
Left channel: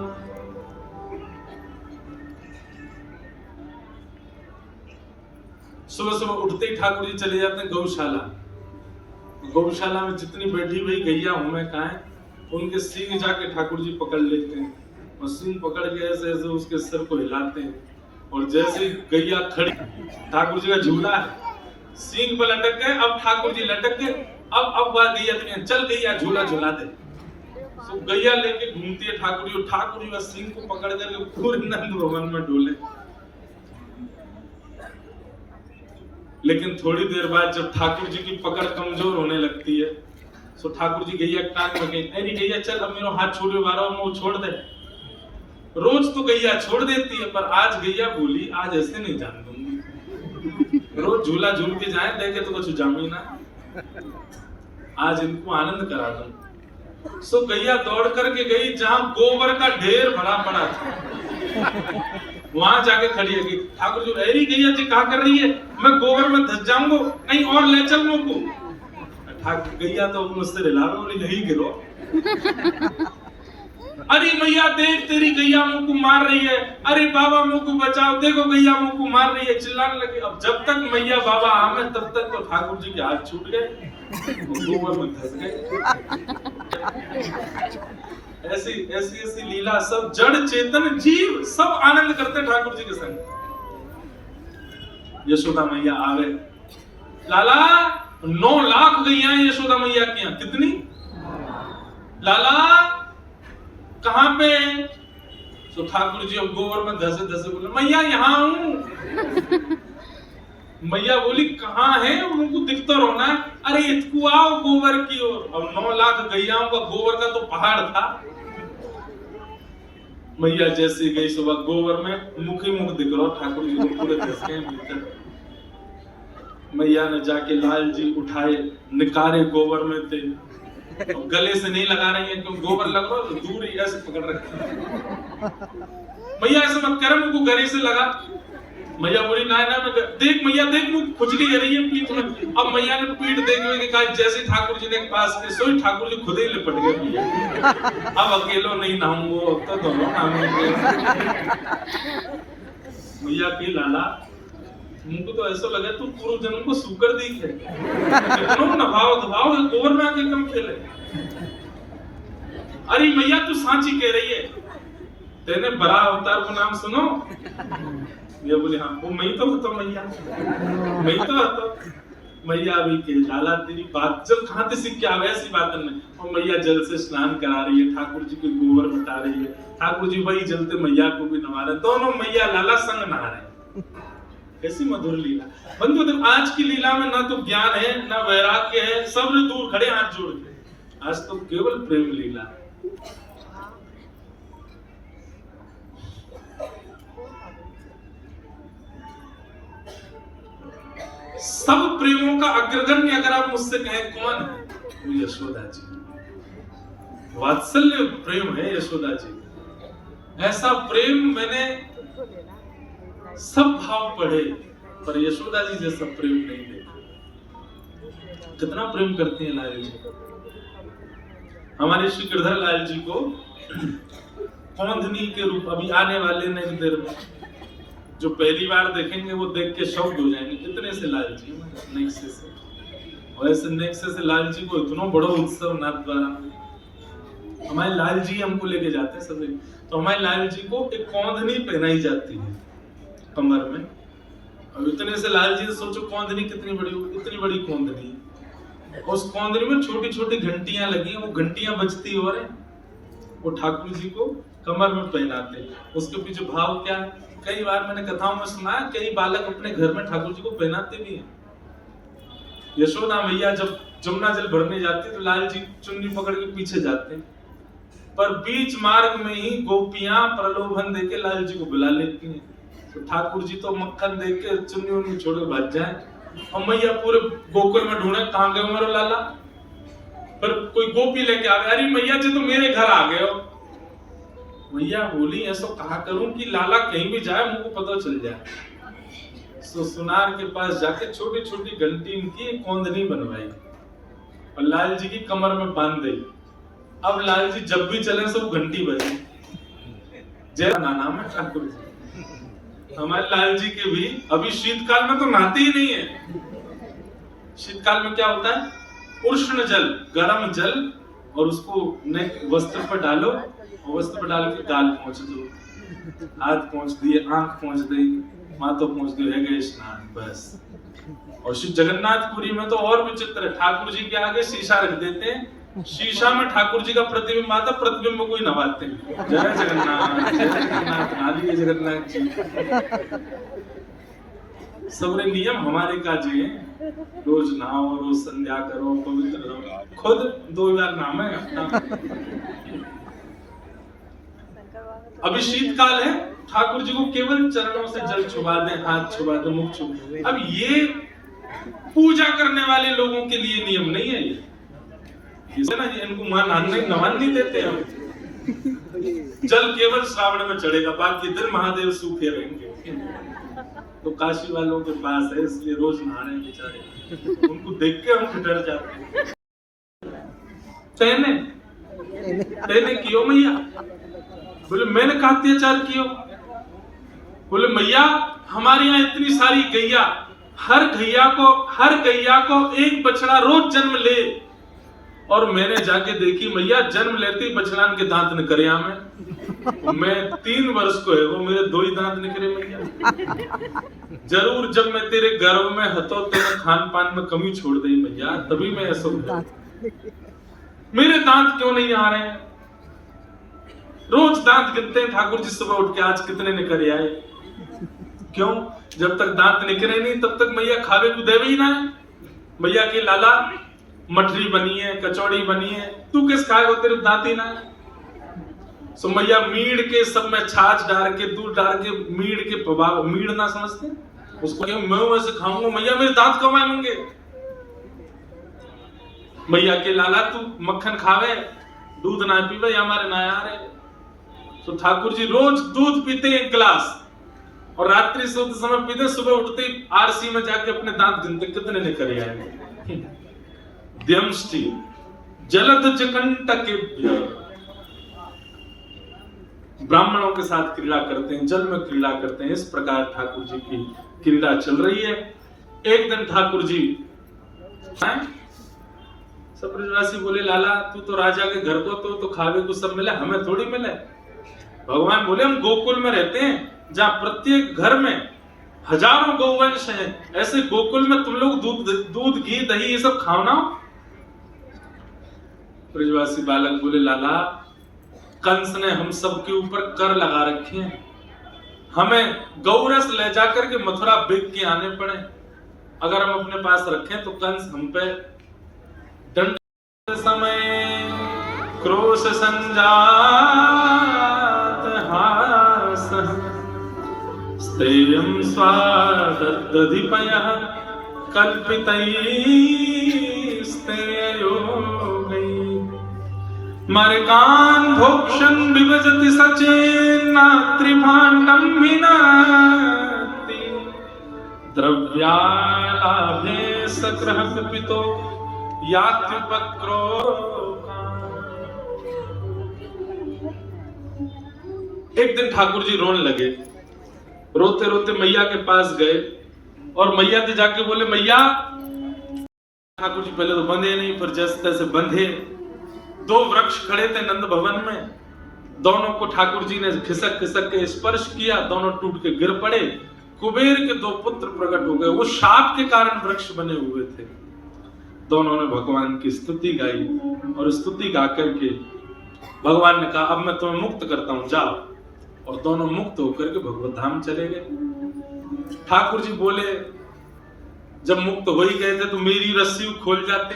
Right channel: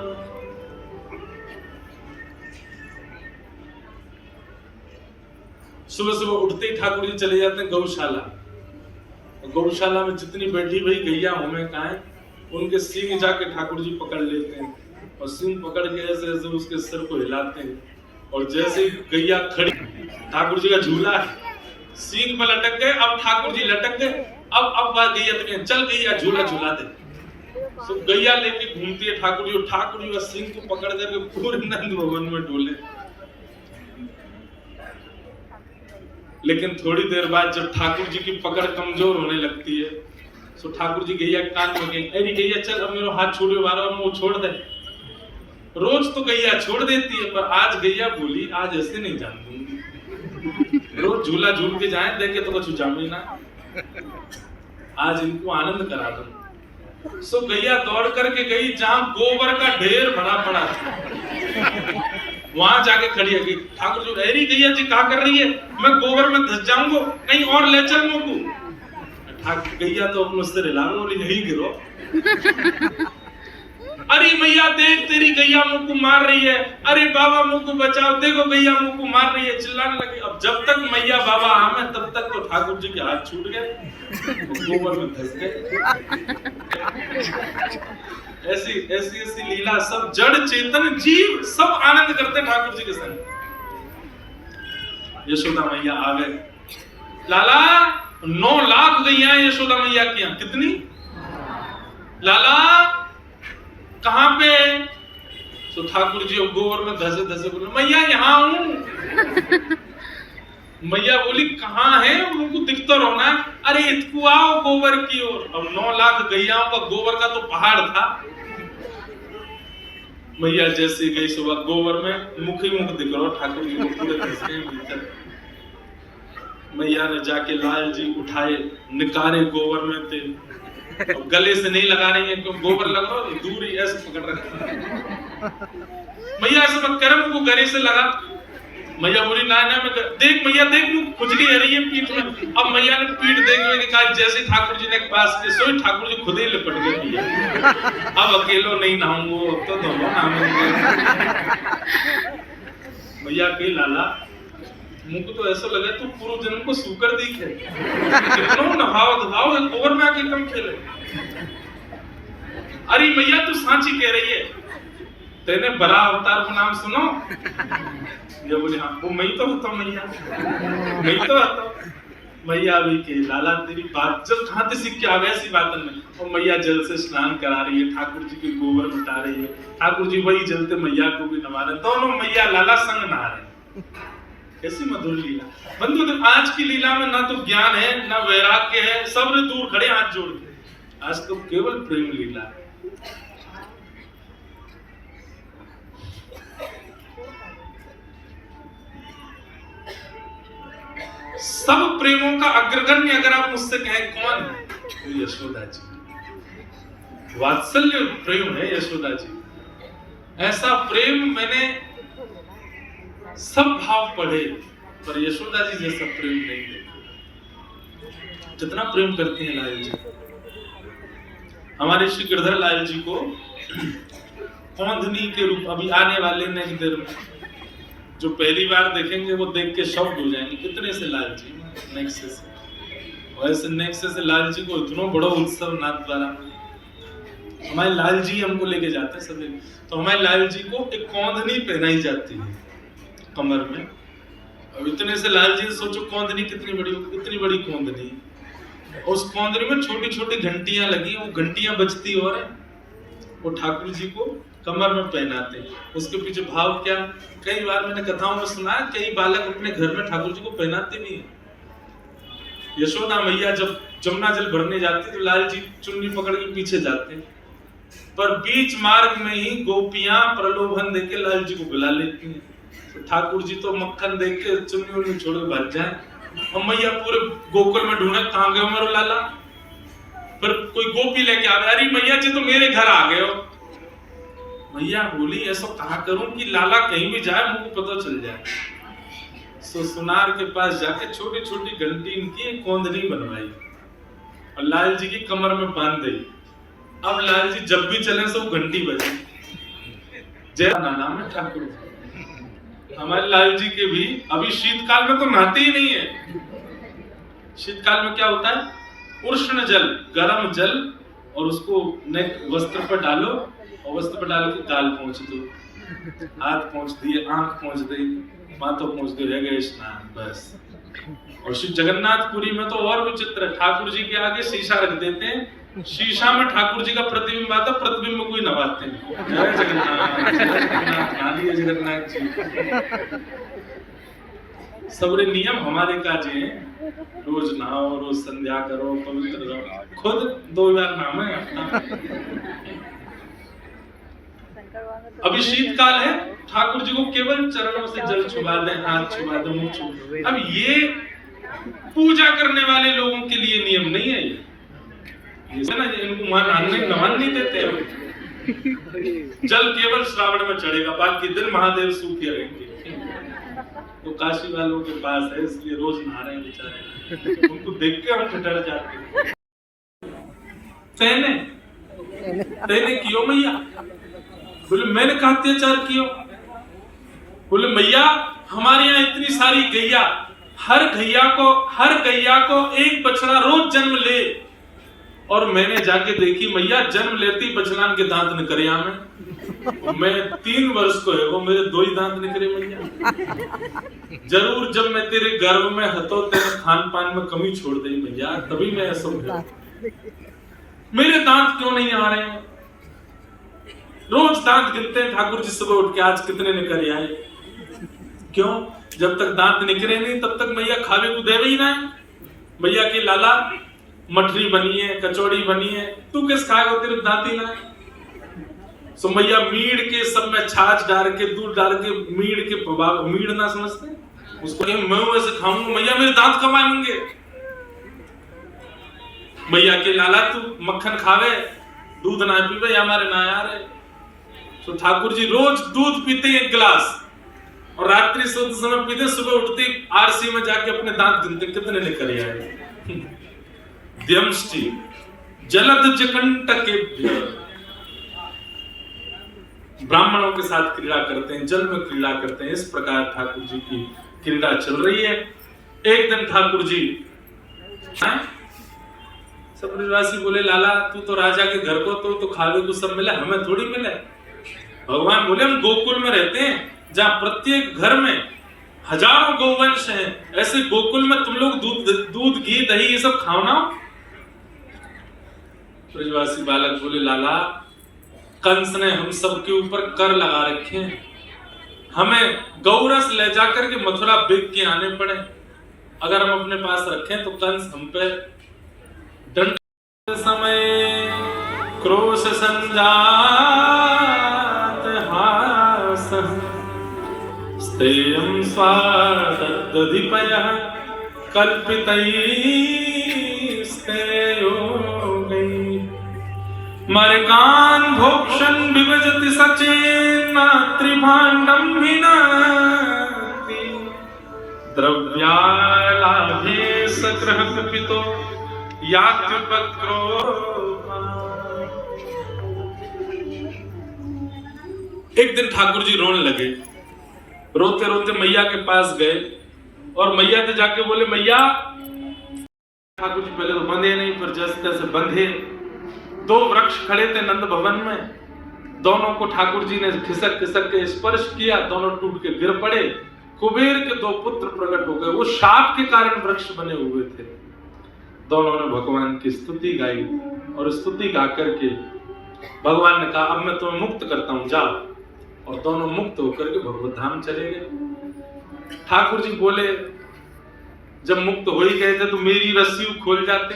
सुबह सुबह उठते ही ठाकुर जी चले जाते हैं गौशाला। गौशाला में जितनी बैठी भाई गैया हमें कहा है, उनके सींग जाके ठाकुर जी पकड़ लेते हैं और सींग पकड़ के ऐसे ऐसे उसके सिर को हिलाते हैं और जैसे ही गैया खड़ी, ठाकुर जी का झूला है, सींग पर लटक गए, अब ठाकुर जी लटक गए, अब बात गैया तो चल गैया झूला झूला दे। तो गैया लेके घूमती है ठाकुर जी का सींग को पकड़ करके पूरे नंद भवन में डोले। लेकिन थोड़ी देर बाद जब ठाकुर जी की पकड़ कमजोर होने लगती है तो ठाकुर जी गैया कान में गई, अरे गैया चल अब मेरा हाथ छोड़े वाला मैं वो छोड़ दे। रोज तो गैया छोड़ देती है पर आज गैया बोली आज ऐसे नहीं जान दूंगी, रोज झूला झूल के जाए देखे तो कुछ जामी ना, आज इनको आनंद करा दूं। सो गैया दौड़ करके गई जहां गोबर का ढेर भरा पड़ा था, वहां जाके खड़ी है। ठाकुर जी अरे गैया जी क्या कर रही है, मैं गोबर में धस जाऊंगा, कहीं और ले चल मुझको। ठाकुर गैया तो मुझसे रिला बोली नहीं गिरो। अरे मैया देख तेरी गैया मुझको मार रही है, अरे बाबा मुझको बचाओ, देखो गैया मुझको मार रही है, चिल्लाने लगी। अब जब तक मैया बाबा आमे तब तक तो ठाकुर जी के हाथ छूट गए, गोबर में धस गए। ऐसी ऐसी ऐसी लीला, सब जड़ चेतन जीव सब आनंद करते ठाकुर जी के संग। यशोदा मैया आ गए, लाला 9 लाख गैया यशोदा मैया की यहाँ, कितनी लाला कहां पे? तो ठाकुर जी अब गोबर में धसे धसे बोले मैया यहाँ हूं। मैया बोली कहाँ है, उनको दिखता रहो ना, अरे इतकू आओ गोबर की ओर। अब 9 लाख गैयाओं का गोबर का तो पहाड़ था। मैया जैसे गई सुबह गोबर में मुख ही मुख दिख रहा ठाकुर जी को पूरे धसके भीतर। मैया ने जाके लाल जी उठाए, निकारे गोबर में थे, गले से नहीं लगा रही है क्योंकि गोबर लग रहा है, दूर ही ऐसे पकड़ रखा। मैया ऐसे मत कर, मुझको गले से लगा। मैया बोली ना ना मैं देख मैया देख मुझे खुजली आ रही है पीठ में। अब मैया ने पीठ देखने के कहा, जैसे ठाकुर जी ने पास के सोई ठाकुर जी खुद ही लिपट गए। अब अकेलो नहीं नहाऊंगा तो दोनों नहाएंगे। मैया के लाला मुझको तो ऐसा लगा तू पूर्व जन्म को सूकर दिख है, कितनो नभाव धभाव एक ओवर में आके कम खेले। अरे मैया तू सांची कह रही है, तेने बड़ा अवतार को नाम सुनो? ये बोले हाँ, वो मैं तो होता मैया, मैं तो होता मैया भी के लाला तेरी बात जब कहाँ से सीख के आवे ऐसी बात नहीं। और मैया जल से स्नान करा रही है, ठाकुर जी के गोबर बता रही है, ठाकुर जी वही जल से मैया को भी नवा रहे, दोनों मैया लाला संग नहा रहे। कैसी मधुर लीला बंधु। तो आज की लीला में ना तो ज्ञान है ना वैराग्य है, सब दूर खड़े हाथ जोड़ के, आज तो केवल प्रेम लीला। सब प्रेमों का अग्रगण्य अगर आप मुझसे कहें कौन है, तो यशोदा जी। वात्सल्य प्रेम है यशोदा जी। ऐसा प्रेम मैंने सब भाव पढ़े पर यशोदा जी जैसा प्रेम नहीं देखा। कितना प्रेम करते हैं लाल जी। हमारे श्री गिरधर लाल जी को कौंधनी के रूप अभी आने वाले नेक्स्ट देर में जो पहली बार देखेंगे वो देख के शॉक्ड हो जाएंगे, कितने से लाल जी नेक्स्ट से। और ऐसे नेक्स्ट से लाल जी को इतना बड़ा उत्सव नाथ द्वारा हमारे लाल जी हमको लेके जाते हैं सभी। तो हमारे लाल जी को एक कौंधनी पहनाई जाती है कमर में। अब इतने से लाल जी सोचो कौंधनी कितनी बड़ी होगी, इतनी बड़ी कौंधनी। उस कौंधनी में छोटी छोटी घंटियां लगी, वो घंटियां बजती हो रहे, वो ठाकुर जी को कमर में पहनाते। उसके पीछे भाव क्या, कई बार मैंने कथाओं में सुना, कई बालक अपने घर में ठाकुर जी को पहनाते भी हैं। यशोदा मैया जब जमुना जल भरने जाते तो लाल जी चुन्नी पकड़ के पीछे जाते, पर बीच मार्ग में ही गोपियां प्रलोभन देके लाल जी को बुला लेती हैं। तो ठाकुर जी तो मक्खन देके चुन्नी उन्नी छोड़ के भाग जाए और मैया पूरे गोकुल में ढूंढे कहां गए हमारे लाला। फिर कोई गोपी लेके आ गए, अरे मैया जी तो मेरे घर आ गए हो। मैया बोली ऐसा कहा करूं कि लाला कहीं भी जाए मुझको पता चल जाए। सो सुनार के पास जाके छोटी छोटी घंटी इनकी कौंधनी बनवाई और लाल जी की कमर में बांध दी। अब लाल जी जब भी चले सब घंटी बजे। जय नाम है ठाकुर जी। हमारे लाल जी के भी अभी शीतकाल में तो नहाते ही नहीं है। शीतकाल में क्या होता है, उष्ण जल गर्म जल और उसको वस्त्र पर डालो और वस्त्र पर डाल के गाल पहुंच दो, हाथ पहुंच दिए, आंख पहुंच दी, माथो पहुंच दिए, है गए स्नान बस। और श्री जगन्नाथपुरी में तो और विचित्र है, ठाकुर जी के आगे शीशा रख देते हैं, शीशा में ठाकुर जी का प्रतिबिंब आता, प्रतिबिंब को ही नवाते हैं। जय जगन्नाथ, जय जगन्नाथ, नालिए जगन्नाथ जी। सबरे नियम हमारे काजे हैं, रोज नहाओ, रोज संध्या करो, पवित्र रहो। खुद 2 बार नाम है अपना। अभी शीतकाल है, ठाकुर जी को केवल चरणों से जल छुआ दें, हाथ छुआ दें, मुख छुआ दें। अब ये पूजा करने वाले लोगों के लिए नियम नहीं है ये ना, इनको वहां नहाने नहीं देते हम। जल केवल श्रावण में चढ़ेगा, बाकी दिन महादेव सूखे रहेंगे। तो काशी वालों के पास है इसलिए रोज नहा रहे हैं बेचारे, उनको देख के हम डर जाते हैं। तेने क्यों मैया? बोले मैंने कहा अत्याचार किया? बोले मैया हमारे यहाँ इतनी सारी गैया, हर गैया को एक बछड़ा रोज जन्म ले, और मैंने जाके देखी मैया जन्म लेती बछड़ा के दांत निकले हमें। मैं 3 वर्ष को है वो मेरे 2 ही दांत निकले मैया। जरूर जब मैं तेरे गर्भ में हतो तेरे खान पान में कमी छोड़ दी मैया, तभी मैं ऐसा हुआ। मेरे दांत क्यों नहीं आ रहे हैं? रोज दांत गिनते हैं ठाकुर जी सुबह उठ के, आज कितने निकले आए। क्यों? जब तक दांत निकले नहीं तब तक मैया खावे को देवे ही ना। मैया के लाला मठरी बनी है, कचौड़ी बनी है, तू किस खाएगा, तेरे दांत ही ना। सो मैया मीड़ के सब में छाछ डाल के दूध डाल के मीड़ के प्रभाव, मीड़ ना समझते उसको, मैं वैसे खाऊंगा मैया मेरे दांत कब आएंगे। मैया के लाला तू मक्खन खावे, दूध ना पीवे, या हमारे ना आ रहे। तो ठाकुर जी रोज दूध पीते 1 गिलास और रात्रि सोते समय पीते, सुबह उठते आरसी में जाके अपने दांत गिनते कितने निकले आए। द्यमष्टि जलद जकंटके ब्राह्मणों के साथ क्रीड़ा करते हैं, जल में क्रीड़ा करते हैं। इस प्रकार ठाकुर जी की क्रीड़ा चल रही है। एक दिन ठाकुर जी सब ब्रजवासी बोले, लाला तू तो राजा के घर को तो खावे को सब मिला, हमें थोड़ी मिले। भगवान बोले, हम गोकुल में रहते हैं जहाँ प्रत्येक घर में हजारों गौवंश हैं, ऐसे गोकुल में तुम लोग दूध घी दही ये सब खाओ ना। ब्रजवासी बालक बोले, लाला कंस ने हम सब के ऊपर कर लगा रखे हैं, हमें गौरस ले जाकर के मथुरा बेच के आने पड़े। अगर हम अपने पास रखें तो कंस हम पे दंड समय क्रोश संजात हास स्तेयं स्वादधिपयः कल्पितैस्तेयो मर्गान् भोक्षन् विभजति सचेन्न त्रिभाण्डं विनाति द्रव्यालाभे सक्रः कपितो यात्रिपक्रो। एक दिन ठाकुर जी रोने लगे, रोते रोते मैया के पास गए और मैया से जाके बोले, मैया। ठाकुर जी पहले तो बंधे नहीं, फिर जैसे तैसे बंधे। दो वृक्ष खड़े थे नंद भवन में, दोनों को ठाकुर जी ने खिसक खिसक के स्पर्श किया, दोनों टूट के गिर पड़े। कुबेर के दो पुत्र प्रकट हो गए, वो शाप के कारण वृक्ष बने हुए थे। दोनों ने भगवान की स्तुति गाई और स्तुति गा करके भगवान ने कहा, अब मैं तुम्हें मुक्त करता हूं, जाओ। और दोनों मुक्त होकर के भगवत धाम चले गए। ठाकुर जी बोले, जब मुक्त हो ही गए थे तो मेरी रस्सी खोल जाते,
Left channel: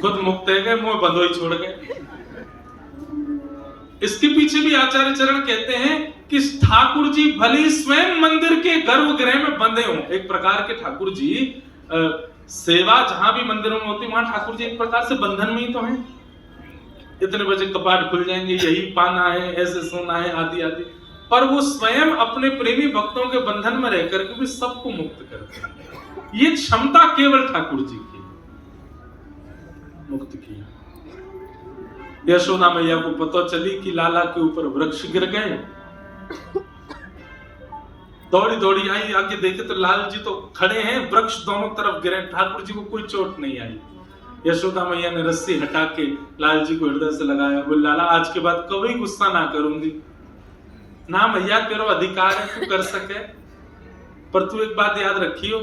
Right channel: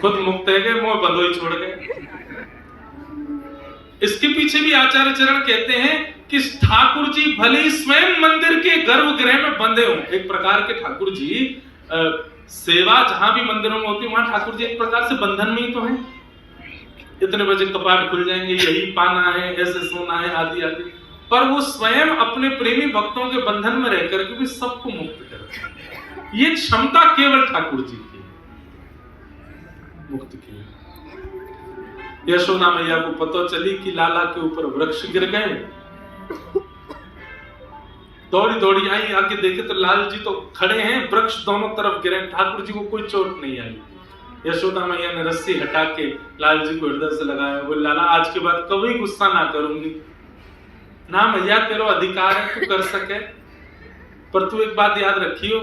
खुद मुक्त है गए, मुंह बंधो ही छोड़ गए। इसके पीछे भी आचार्य चरण कहते हैं कि ठाकुर जी भले ही स्वयं मंदिर के गर्भगृह में बंधे हों, एक प्रकार के ठाकुर जी सेवा जहां भी मंदिरों में होती वहां ठाकुर जी एक प्रकार से बंधन में ही तो हैं। इतने बजे कपाट खुल जाएंगे, यही पाना है, ऐसे सोना है, आदि आदि। पर वो स्वयं अपने प्रेमी भक्तों के बंधन में रहकर के भी सबको मुक्त करते हैं। ये क्षमता केवल ठाकुर जी की, मुक्त की। यशोदा मैया को पता चली कि लाला के ऊपर वृक्ष गिर गए, दौड़ी दौड़ी आई, आगे देखे तो लाल जी तो खड़े हैं, वृक्ष दोनों तरफ गिरे, ठाकुर जी को कोई चोट नहीं आई। यशोदा मैया ने रस्सी हटा के लाल जी को हृदय से लगाया, बोले, लाला आज के बाद कभी गुस्सा ना करूंगी ना मैया, तेरा अधिकार है तू कर सके, पर तू एक बात याद रखियो,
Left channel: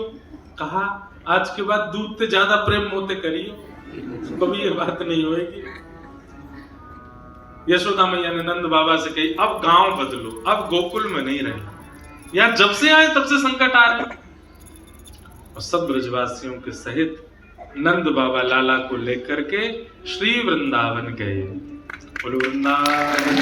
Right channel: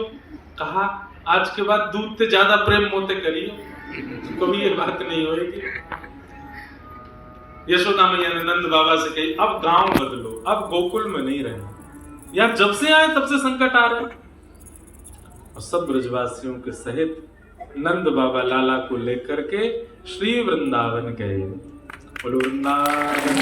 कहा आज के बाद दूध से ज्यादा प्रेम मोते करियो, कभी ये बात नहीं होगी। यशोदा मैया ने नंद बाबा से कही, अब गांव बदलो, अब गोकुल में नहीं रहना, या जब से आए तब से संकट आ रहे। और सब ब्रजवासियों के सहित नंद बाबा लाला को लेकर के श्री वृंदावन गए। वृंदावन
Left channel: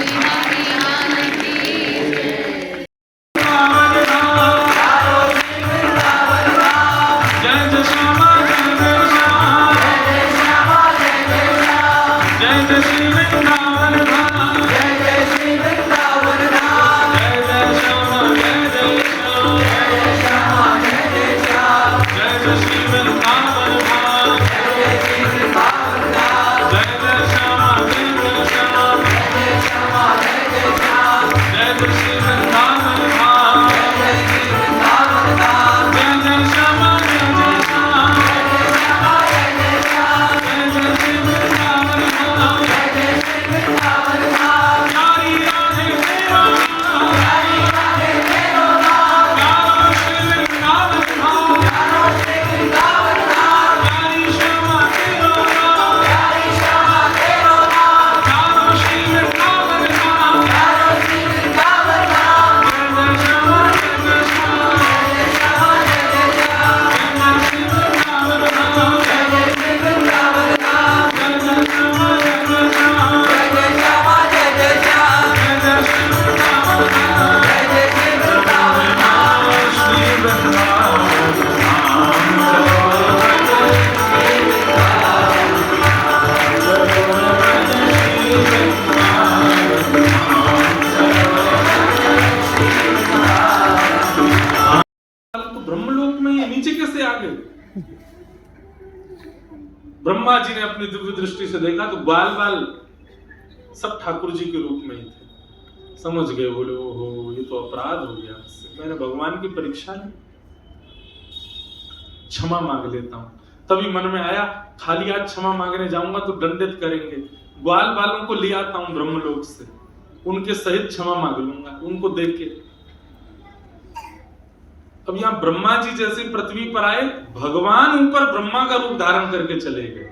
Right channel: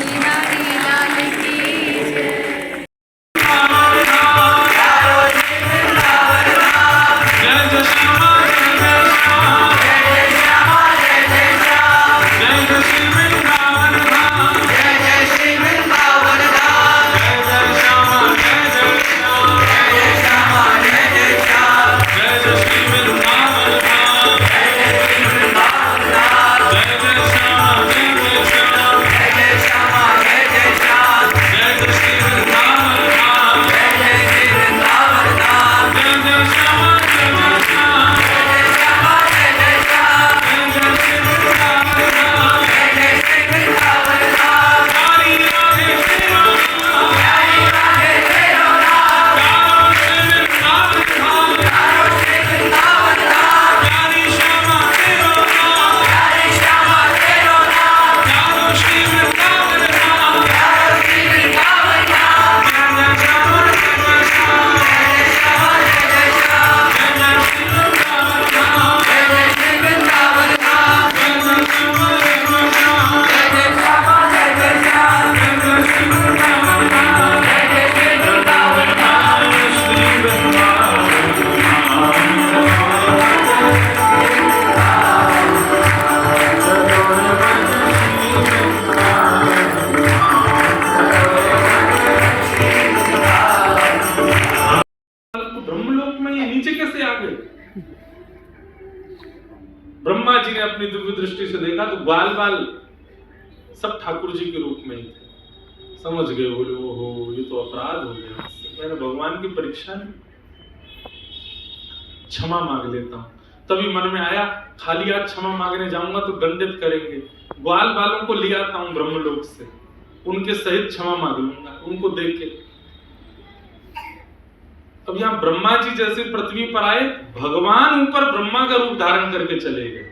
ब्रह्मा जी ने अपनी दिव्य दृष्टि से देखा तो बाल बाल सब ठाकुर जी के रूप में ही थे, समझ गए, बोले ओहो ये तो अपराध हो गया, मैंने भगवान की परीक्षा ली, क्षमा मांग लेता हूँ। तभी मन में आया खाली आज क्षमा मांगने जाऊंगा तो दंडित करेंगे, ग्वाल बालों को ले आता हूँ ब्रह्मलोक से, उनके सहित क्षमा मांग लूंगा उनको देख के। अब यहाँ ब्रह्मा जी जैसे पृथ्वी पर आए, भगवान ऊपर ब्रह्मा का रूप धारण करके चले गए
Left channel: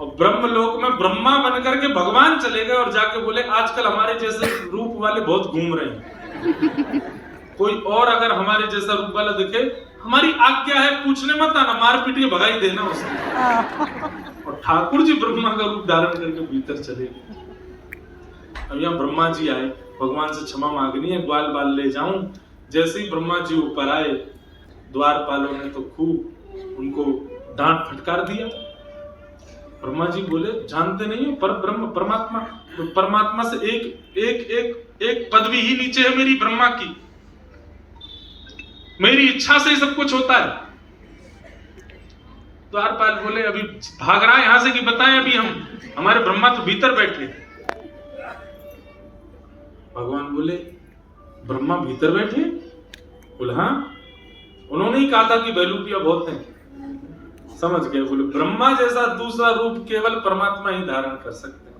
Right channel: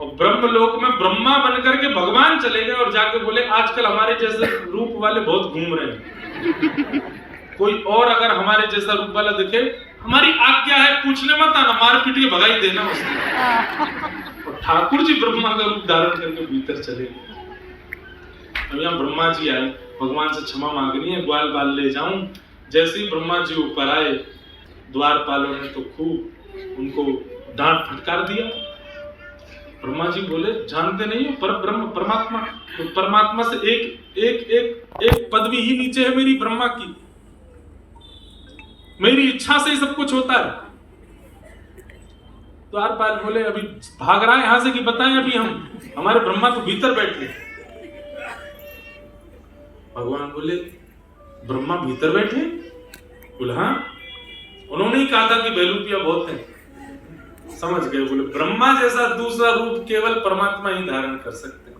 और ब्रह्मलोक में ब्रह्मा बन करके भगवान चले गए और जाके बोले आजकल हमारे जैसे रूप वाले बहुत घूम रहे हैं, कोई और अगर हमारे जैसा रूप वाला दिखे हमारी आज्ञा है पूछने मत आना, मार पीट के भगाई देना उसको। और ठाकुर जी ब्रह्मा का रूप धारण करके भीतर चले गए। अब यहाँ ब्रह्मा जी आए, भगवान से क्षमा मांगनी है, ग्वाल बाल ले जाऊं। जैसे ही ब्रह्मा जी ऊपर आए, द्वारपालों ने तो खूब उनको डांट फटकार दिया। ब्रह्मा जी बोले जानते नहीं हो पर ब्रह्म परमात्मा, तो परमात्मा से एक एक एक एक पदवी ही नीचे है मेरी ब्रह्मा की, मेरी इच्छा से ही सब कुछ होता है। द्वारपाल बोले अभी भाग रहा है यहां से कि बताएं, अभी हमारे ब्रह्मा तो भीतर बैठे। भगवान बोले ब्रह्मा भीतर बैठे? बोले हाँ, उन्होंने ही कहा था कि बैलूपिया बहुत है। समझ गए, बोले ब्रह्मा जैसा दूसरा रूप केवल परमात्मा ही धारण कर सकते हैं।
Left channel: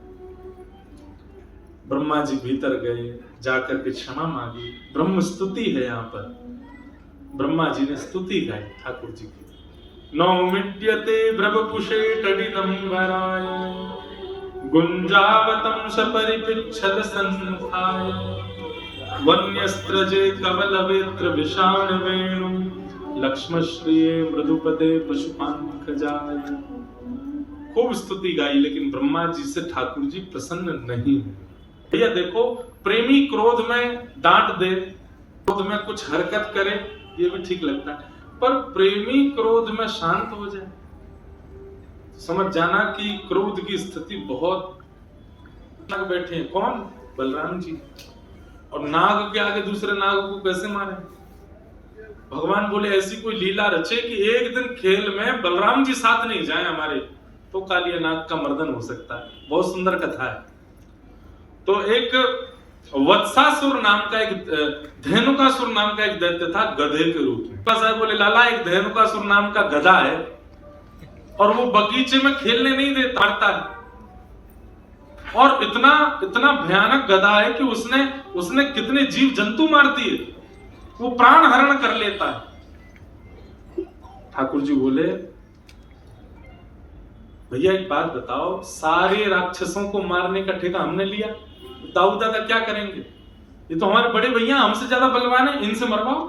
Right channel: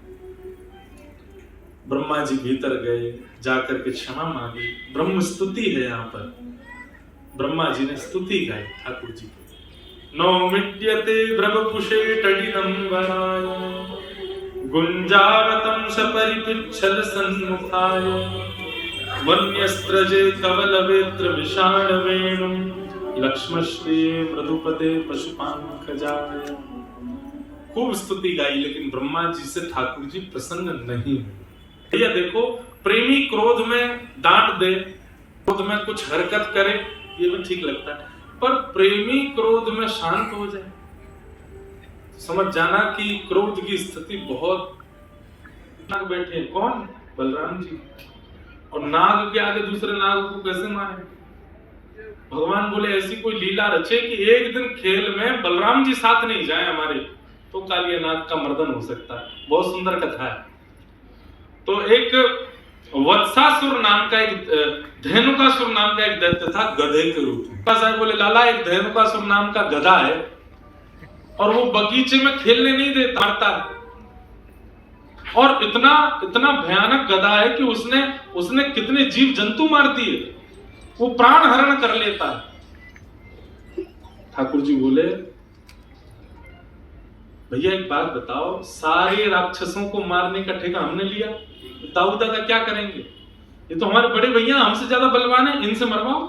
ब्रह्मा जी भीतर गए, जाकर के क्षमा मांगी। ब्रह्म स्तुति है यहाँ पर, ब्रह्मा जी ने स्तुति गाई ठाकुर जी की। नौमिड्यते ब्रह्मकुशे टडिदंबराय गुंजावतं सपरिपिच्छद सन्मुखाय वन्यस्त्रजे कवलवेत्र विषाणवेणुं लक्ष्मश्रिये मृदुपदे पशुपांकजाय। खूब स्तुति गाई, लेकिन ब्रह्मा जी से ठाकुर जी प्रसन्न नहीं हुए। भैया देखो, प्रेमी क्रोध में डांट दे, क्रोध में कुछ हरकत करे ये भी ठीक लगता है, पर प्रेमी क्रोध में शांत हो जाए समझ जाना कि क्रोध की स्थिति बहुत। नाग बैठे हैं, कौन? बलराम जी, और नाग के आगे दूसरे नाग को कैसे मारे? भगवान बोले ऐसी कोई लीला रचे कि एक दिन खेल में बलराम जी साथ नहीं जाए हमारे, तो कालिया नाग का मर्दन हो सकता है। बहुत सुंदर कथा है। तो एक वत्सासुर नाम का एक धेनुकासुर नाम का एक दैत्य था गधे के रूप में। साहब बोले लाला एक धेनुकासुर नाम का गधा है और वो बगीचे में खेलने नहीं देता, मारता है। और इतना इतना भयानक गधा है कि उसने कितने जीव जंतु मार दिए, वो प्राण हरण कर लेता है। ठाकुर जी बोले भैया एक बात बताओ, सारे राक्षसों को मारने का ठेका हमने लिया, दाऊ दादा क्या करेंगे? ये तो हमारे बड़े भैया हमसे ज्यादा बलवान है, इनसे मरवाओ।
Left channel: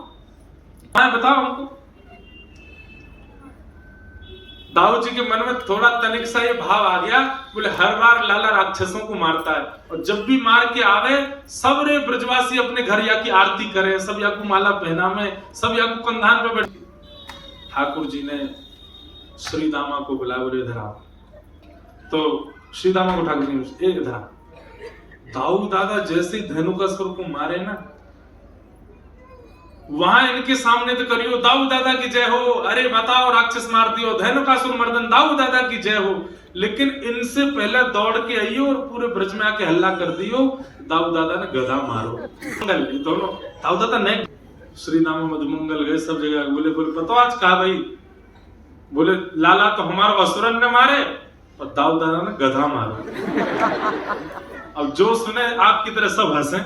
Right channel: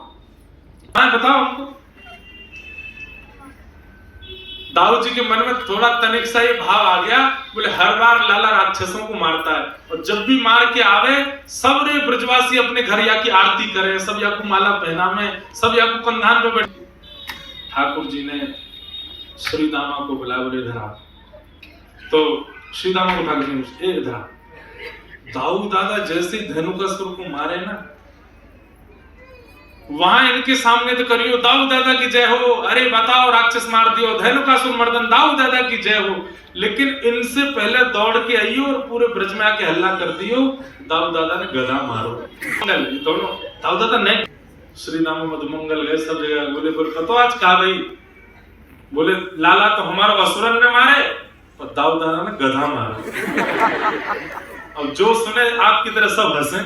हाँ बताओ हमको। दाऊ जी के मन में थोड़ा तनिक सा ये भाव आ गया, बोले हर बार लाला राक्षसों को मारता है और जब भी मार के आवे सब रे ब्रजवासी अपने घर या की आरती करे, सब या को माला पहनावे, सब या को कंधान पे बैठे। ठाकुर जी ने श्री दामा को बुलाया, बोले इधर आओ। तो श्री दामा को ठाकुर जी ने इधर आओ। दाऊ दादा जैसे धेनुकासुर को मारे ना, वहां इनके सामने तो करियो दाऊ दादा की जय हो, अरे बताओ राक्षस मार दियो, धेनुकासुर मर्दन दाऊ दादा की जय हो। लेकिन इनसे पहले दौड़ के आइयो और पूरे ब्रज में आके हल्ला कर दियो दाऊ दादा ने गधा मारो। दोनों दाऊ दादा नहीं, श्री नाम मधुमंगल गए सब जगह। बोले पतो आज कहा भाई? बोले लाला तो हमारा असुरन ने मारे और दाऊ दादा ने गधा मारा। अब जो सुने आपकी तरह सब हंसे।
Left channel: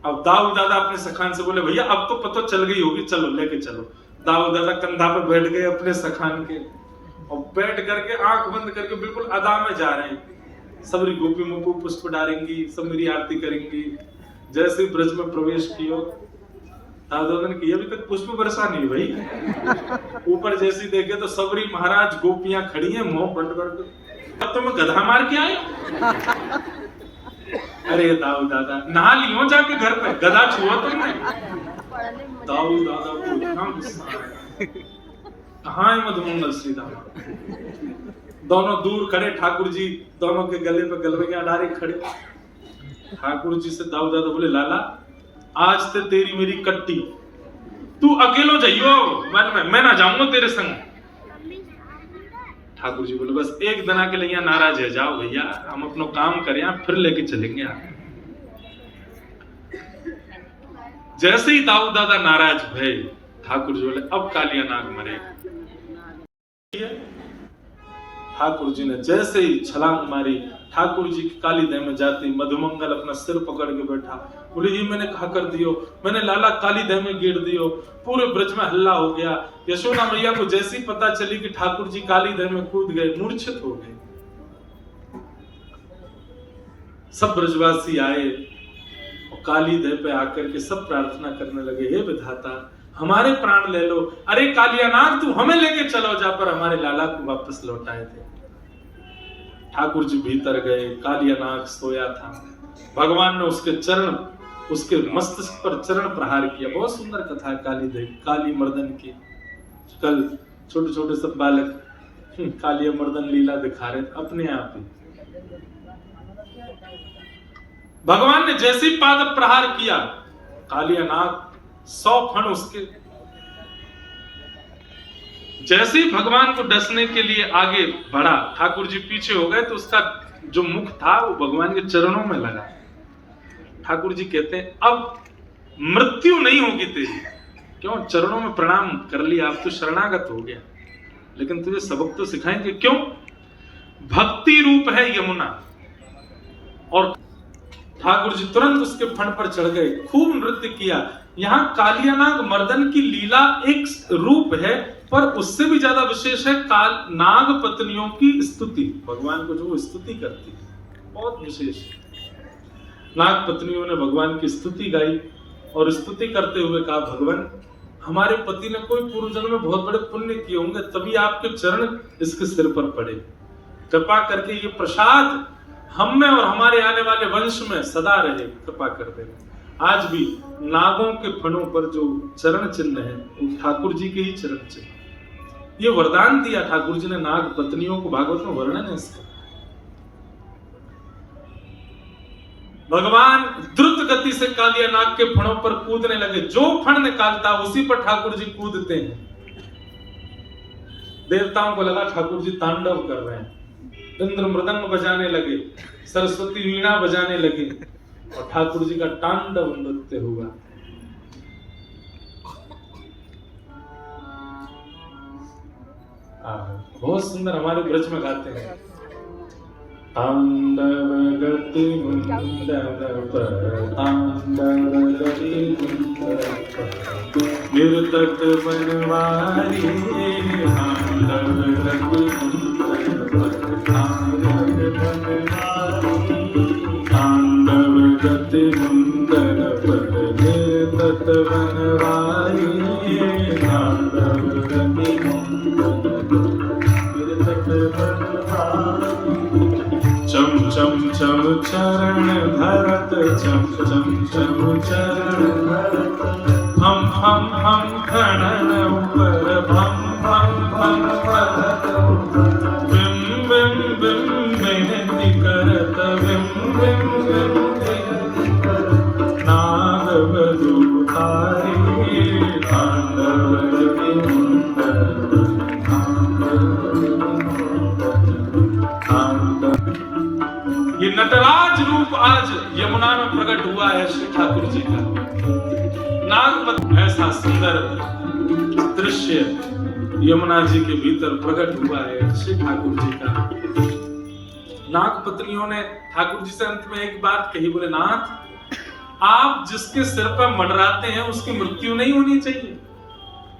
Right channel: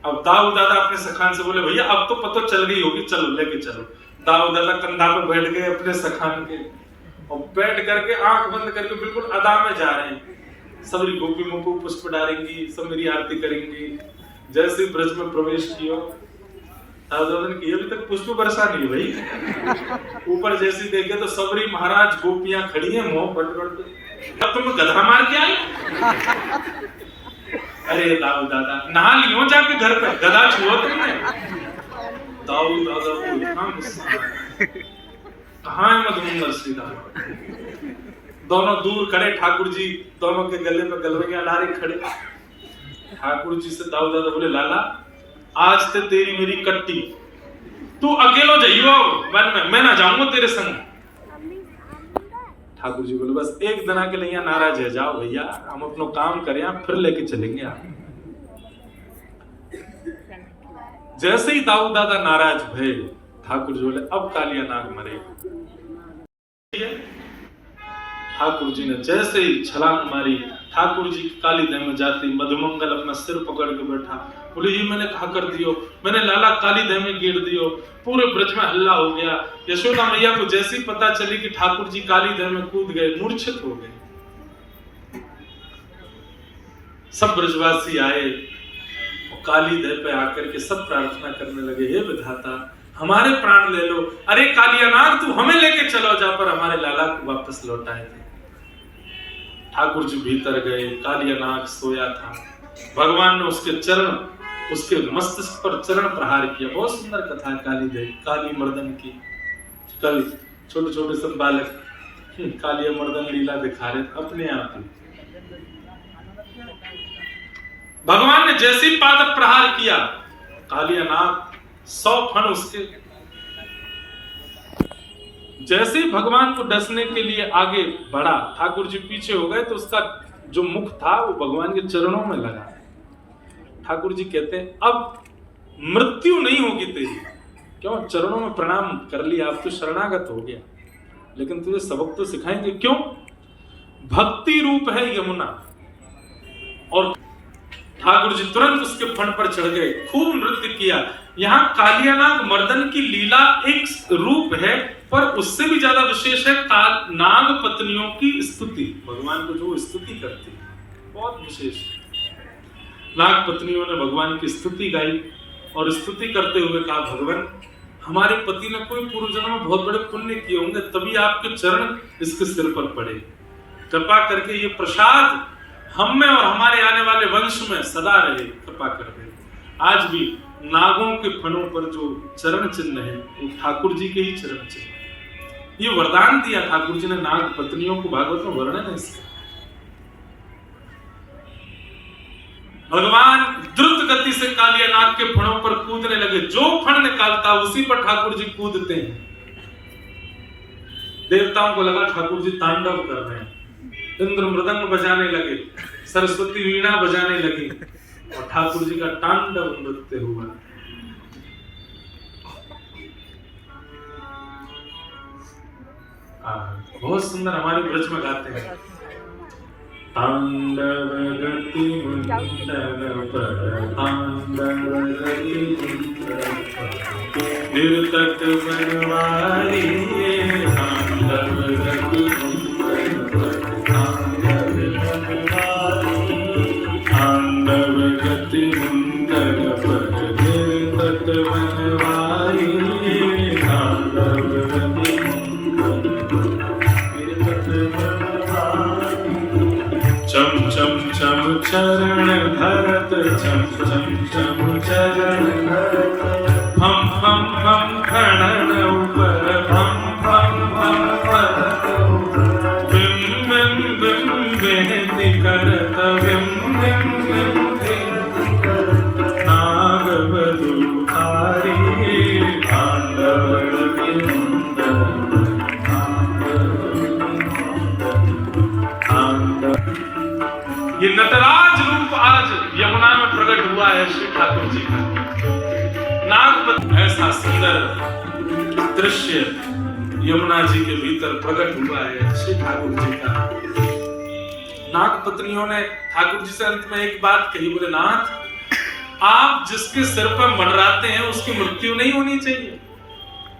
अब दाऊ दादा अपने सखान से बोले भैया अब तो पता चल गई होगी, चलो लेके चलो। दाऊ दादा कंधा पर बैठ गए अपने सखान के और बैठ करके आंख बंद करके बिल्कुल अदा में जा रहे हैं। सबरी गोपियों को पुष्प डालेंगी, सब मेरी आरती करेंगी। जैसे ब्रज में प्रवेश किया, दाऊ दादा ने किया अभी तक पुष्प बरसा नहीं भाई। ऊपर जैसे देखे तो सबरी महाराज गोपियां खड़ी हैं मुंह बड़ बड़ के, तब तुम गधा मार के आए। अरे दाऊ दादा नहा लियो जाके घर पे, गधा छुआ तुमने? दाऊ दादा को कहाँ है मधुमंगल श्री दादा? दोनों दूर खड़े, ठाकुर जी दोनों के गले पे गलवैया डाले खड़े। ठाकुर जी से दाऊ दादा बोले लाला आज ते तेरी मेरी कट्टी, तू अकेलो जाइयो वन में, मैं ना जाऊंगा तेरे संग। ठाकुर जी बोले बस एक दिन के लिए नाराज है, जाओ भैया हम अपना काम करें, फिर लेके चलेंगे आप। जैसे ही दाऊ दादा नाराज भय, ठाकुर जी बोले अब कालिया नाग मरेगा। ठाकुर जी ने जैसे ही छलांग मारी, ठाकुर जी काली देह में जाती, मधुमंगल अपना सिर पकड़ के बैठा, बोले ये मैंने कहा कर दियो, मैंने लाला काली देह में गिर दियो। पूरे ब्रज में हल्ला हो गया। यशोदा मैया को जैसी पता चली कि ठाकुर जी काली देह में कूद गए, मूर्छित हो गए। सब ब्रजवासी आए और काली देह पे आकर के सब प्रार्थना करने लगे, हे विधाता हमारे प्राण ले लो, अरे कालियानाग तू हमें लेके चलो जा पर हमारे लाला को वापस लौटाए थे। ठाकुर जी भीतर गए, कालियानाग सोया था। भगवान ने उसके चरण, उसके मस्तिष्क पर चरण प्रहार किया। बहुत सुंदर कथा है काली देव, काली मर्दन की। कल छोटे छोटे सब बालक कालिया मर्दन लीला दिखा रहे अपने आप ही। भगवान ने जैसे ही पाद प्रहार किया, कालियानाग 100 फण उसके, जैसे ही भगवान को डसने के लिए आगे बढ़ा, ठाकुर जी पीछे हो गए तो उसका जो मुख था वो भगवान के चरणों में लगा। ठाकुर जी कहते हैं अब मृत्यु नहीं होगी तेरी, क्यों चरणों में प्रणाम कर लिया, अब तो शरणागत हो गया, लेकिन तुझे सबक तो सिखाएंगे। क्यों? भक्ति रूप है यमुना। और ठाकुर जी तुरंत उसके फण पर चढ़ गए, खूब नृत्य किया। यहाँ कालियानाग मर्दन की लीला एक रूप है, पर उससे भी ज्यादा विशेष है नाग पत्नियों की स्तुति। भगवान को जो स्तुति करती है बहुत विशेष है। नाग पत्नियों ने भगवान की स्तुति गाई और स्तुति करते हुए कहा, भगवान हमारे पति ने कोई पूर्व जन्म में बहुत बड़े पुण्य किए होंगे, तभी आपके चरण इसके सिर पर पड़े। कृपा करके ये प्रसाद हम में और हमारे आने वाले वंश में सदा रहे, कृपा कर दे। आज भी नागों के फणों पर जो चरण चिन्ह है वो ठाकुर जी के ही चरण चिन्ह। ये वरदान दिया ठाकुर जी ने नाग पत्नियों को, भागवत में वर्णन है इसका। भगवान द्रुत गति से कालिया नाग के फणों पर कूदने लगे। जो फण निकालता उसी पर ठाकुर जी कूदते हैं। देवताओं को लगा ठाकुर जी तांडव कर रहे हैं। इंद्र मृदंग बजाने लगे, सरस्वती वीणा बजाने लगी और ठाकुर जी का तांडव नृत्य हुआ। बहुत सुंदर हमारे ब्रज में गाते हैं। तांडव गति मुंडन पर, तांडव गति मुंडन पर, निर्तक बनवारी, तांडव गति मुंडन पर, तांडव बनवारी, तांडव गति मुंडन पर, निर्तक बनवारी, तांडव गति चम चम चम चरण धरत, चम चम चम चरण धरत, हम खड़न ऊपर, हम भरत ऊपर, बिम बिम बिम बेनती करत, बिम बिम बिम करत, नाग बधुहारी, तांडव गति मुंडन, ये नटराज रूप आज यमुना में प्रकट हुआ है श्री ठाकुर जी का। नागपत ऐसा सुंदर दृश्य यमुना जी के भीतर प्रकट हुआ है श्री ठाकुर जी का। नागपत्नियों ने ठाकुर जी से अंत में एक बात कही, बोले नाथ आप जिसके सिर पर मंडराते हैं उसकी मृत्यु नहीं होनी चाहिए,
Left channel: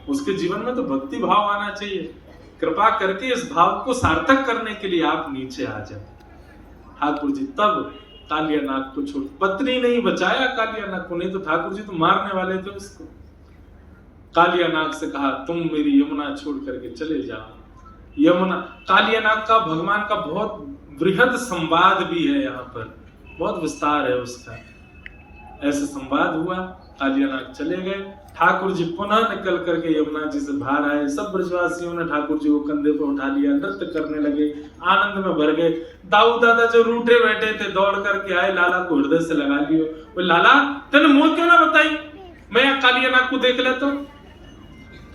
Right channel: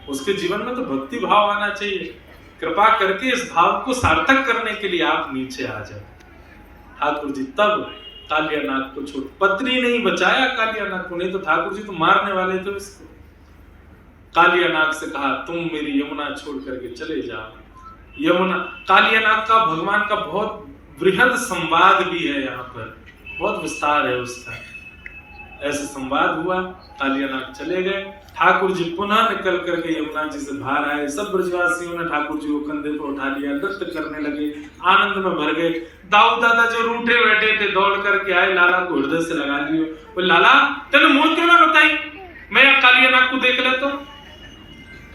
उसके जीवन में तो भक्ति भाव आना चाहिए। कृपा करके इस भाव को सार्थक करने के लिए आप नीचे आ जाए। ठाकुर जी तब कालियानाग को छोड़, पत्नी नहीं बचाया कालियानाग को, नहीं तो ठाकुर जी तो मारने वाले थे उसको। कालियानाग से कहा तुम मेरी यमुना छोड़ करके चले जाओ। यमुना कालियानाग का भगवान का बहुत बृहद संवाद भी है, यहाँ पर बहुत विस्तार है उसका। ऐसे संवाद हुआ, कालियानाग चले गए। ठाकुर जी पुनः निकल करके यमुना जी से बाहर आए। सब ब्रजवासियों ने ठाकुर जी को कंधे पर उठा लिया, नृत्य करने लगे, आनंद में भर गए। दाऊ दादा जो रूठे बैठे थे दौड़ करके आए, लाला को हृदय से लगा लियो। बोले लाला तेने मुंह क्यों ना बताई, मैं यहाँ कालियानाग को देख लेता हूं।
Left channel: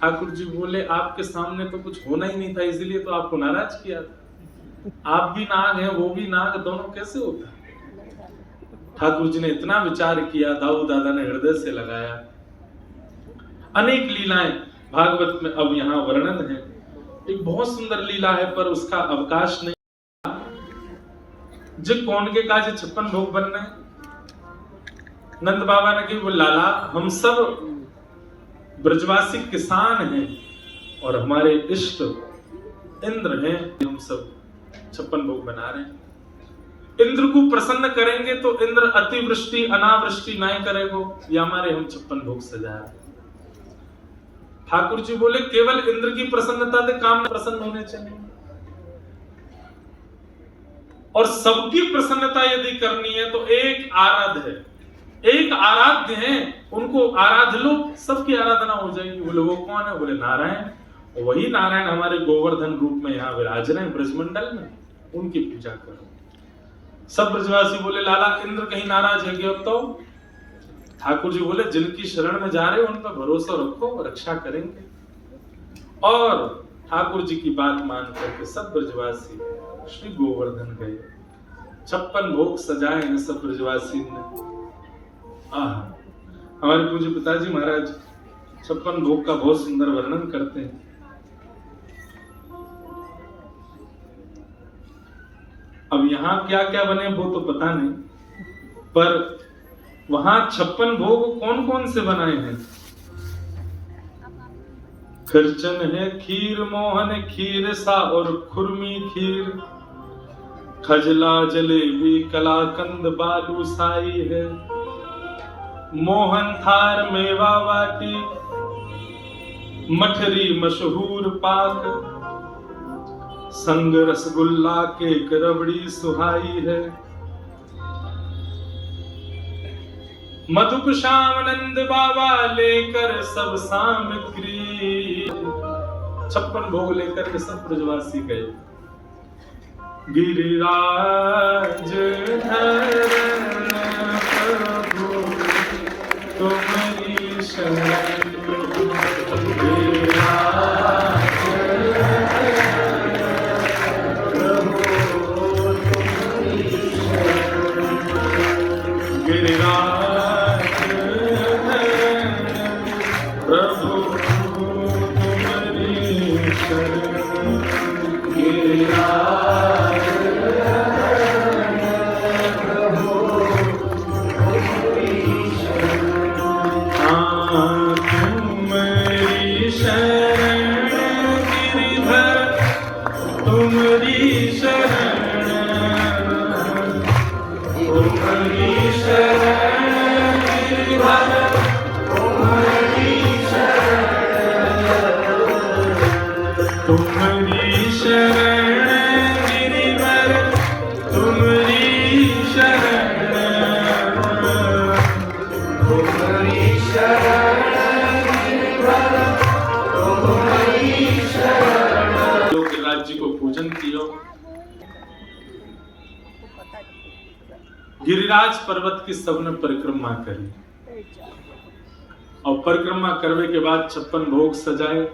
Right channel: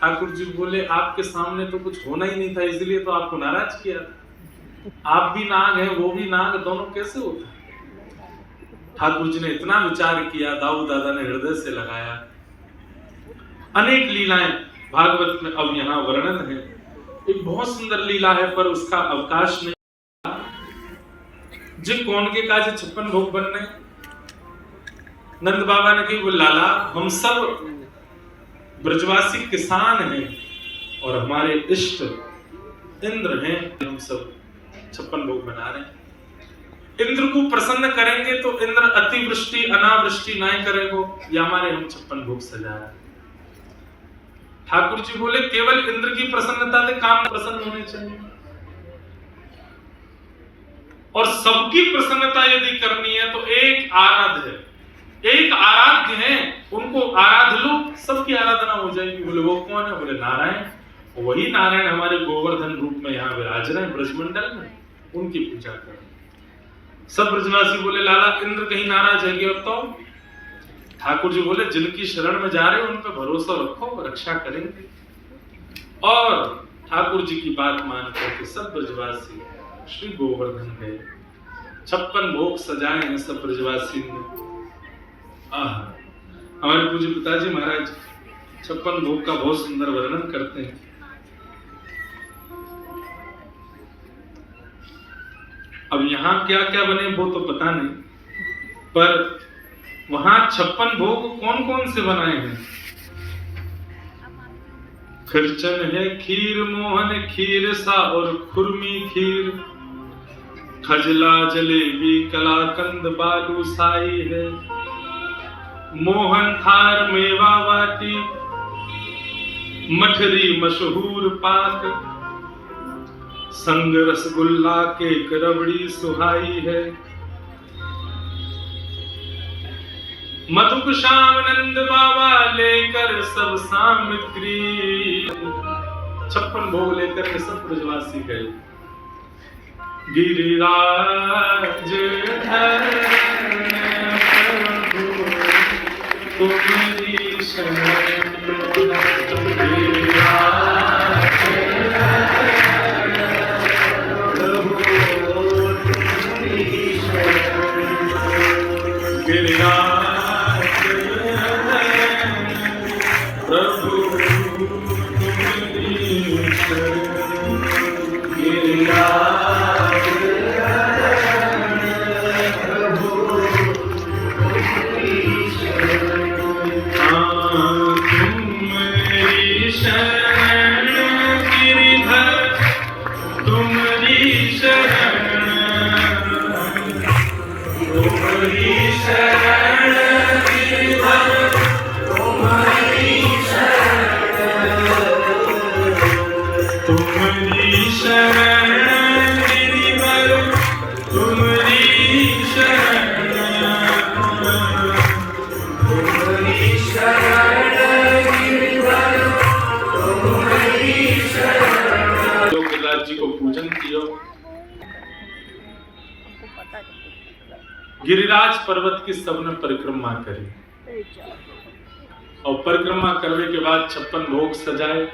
ठाकुर जी बोले आपके सामने तो कुछ होना ही नहीं था, इसलिए तो आपको नाराज किया था। आप भी नाग हैं, वो भी नाग, दोनों कैसे होता है? ठाकुर जी ने इतना विचार किया, दाऊ दादा ने हृदय से लगाया। अनेक लीलाएं भागवत में अब यहाँ वर्णन है। एक बहुत सुंदर लीला है पर उसका अवकाश नहीं। जे कौन के काज 56 भोग बनने, नंद बाबा ने कही वो लाला हम सब ब्रजवासी किसान हैं और हमारे इष्ट इंद्र हैं, हम सब 56 भोग बना रहे हैं। इंद्र को प्रसन्न करेंगे तो इंद्र अतिवृष्टि अनावृष्टि नहीं करेगो, या हमारे हम 56 भोग सजाया। ठाकुर जी बोले केवल इंद्र की प्रसन्नता से काम प्रसन्न होने चाहिए, और सबकी प्रसन्नता यदि करनी है तो एक आराध्य है, एक आराध्य है, उनको आराध लो, सबकी आराधना हो जाएगी। बोले वो कौन है? बोले नारायण। वही नारायण हमारे गोवर्धन रूप में यहाँ विराज रहे हैं ब्रजमंडल में, उनकी पूजा करें। सब ब्रजवासी बोले लाला इंद्र कहीं नाराज है अब तो? ठाकुर जी बोले जिनकी शरण में जा रहे हो उन पर भरोसा रखो, रक्षा करेंगे। और ठाकुर जी की बात मान करके सब ब्रजवासी श्री गोवर्धन गए। 56 भोग सजाए हैं सब ब्रजवासी ने। हमारे पूज्य पिताजी महाराज 56 भोग का बहुत सुंदर वर्णन करते हैं। अब यहाँ क्या क्या बने वो तो पता नहीं, पर वहां 56 भोग कौन कौन से बनाए हैं? खिरचन है, खीर मोहन, खीर सा और खुरमी खीर, खजला जलेबी कलाकंद बालूशाही है, मोहन थार मेवा वाटी, मठरी मशहूर पाक, संग रसगुल्ला केक रबड़ी सुहाई है, मधुक श्याम नंद बाबा लेकर सब सामग्री। 56 भोग लेकर के सब ब्रजवासी गए। गिरिराज तुम्हारी शरण, गिरिराज पर्वत की सबने परिक्रमा करी और परिक्रमा करने के बाद 56 भोग सजाए।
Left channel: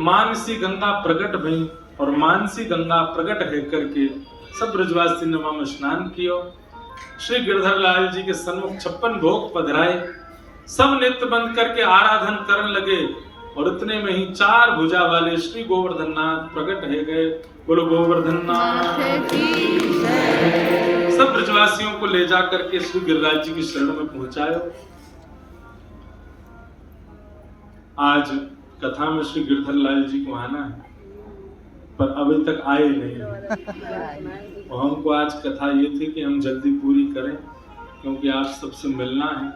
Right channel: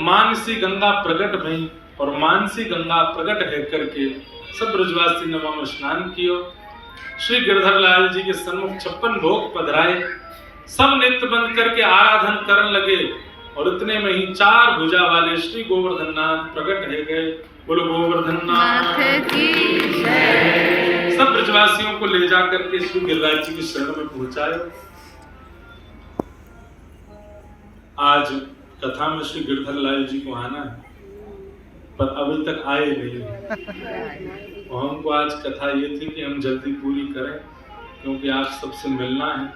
मानसी गंगा प्रकट भई और मानसी गंगा प्रकट है करके सब ब्रजवासी ने वहां स्नान किया। श्री गिरधर लाल जी के सन्मुख 56 भोग पधराए। सब नित्य बंद करके आराधन करने लगे और इतने में ही 4 भुजा वाले श्री गोवर्धन नाथ प्रकट है गए। बोलो गोवर्धन नाथ की जय। सब ब्रजवासियों को ले जाकर के श्री गिरिराज जी की शरण में पहुंचाए। आज कथा में श्री गिरधर लाल जी को आना है पर अभी तक आए नहीं। और हमको आज कथा ये थी कि हम जल्दी पूरी करें क्योंकि आप सबसे मिलना है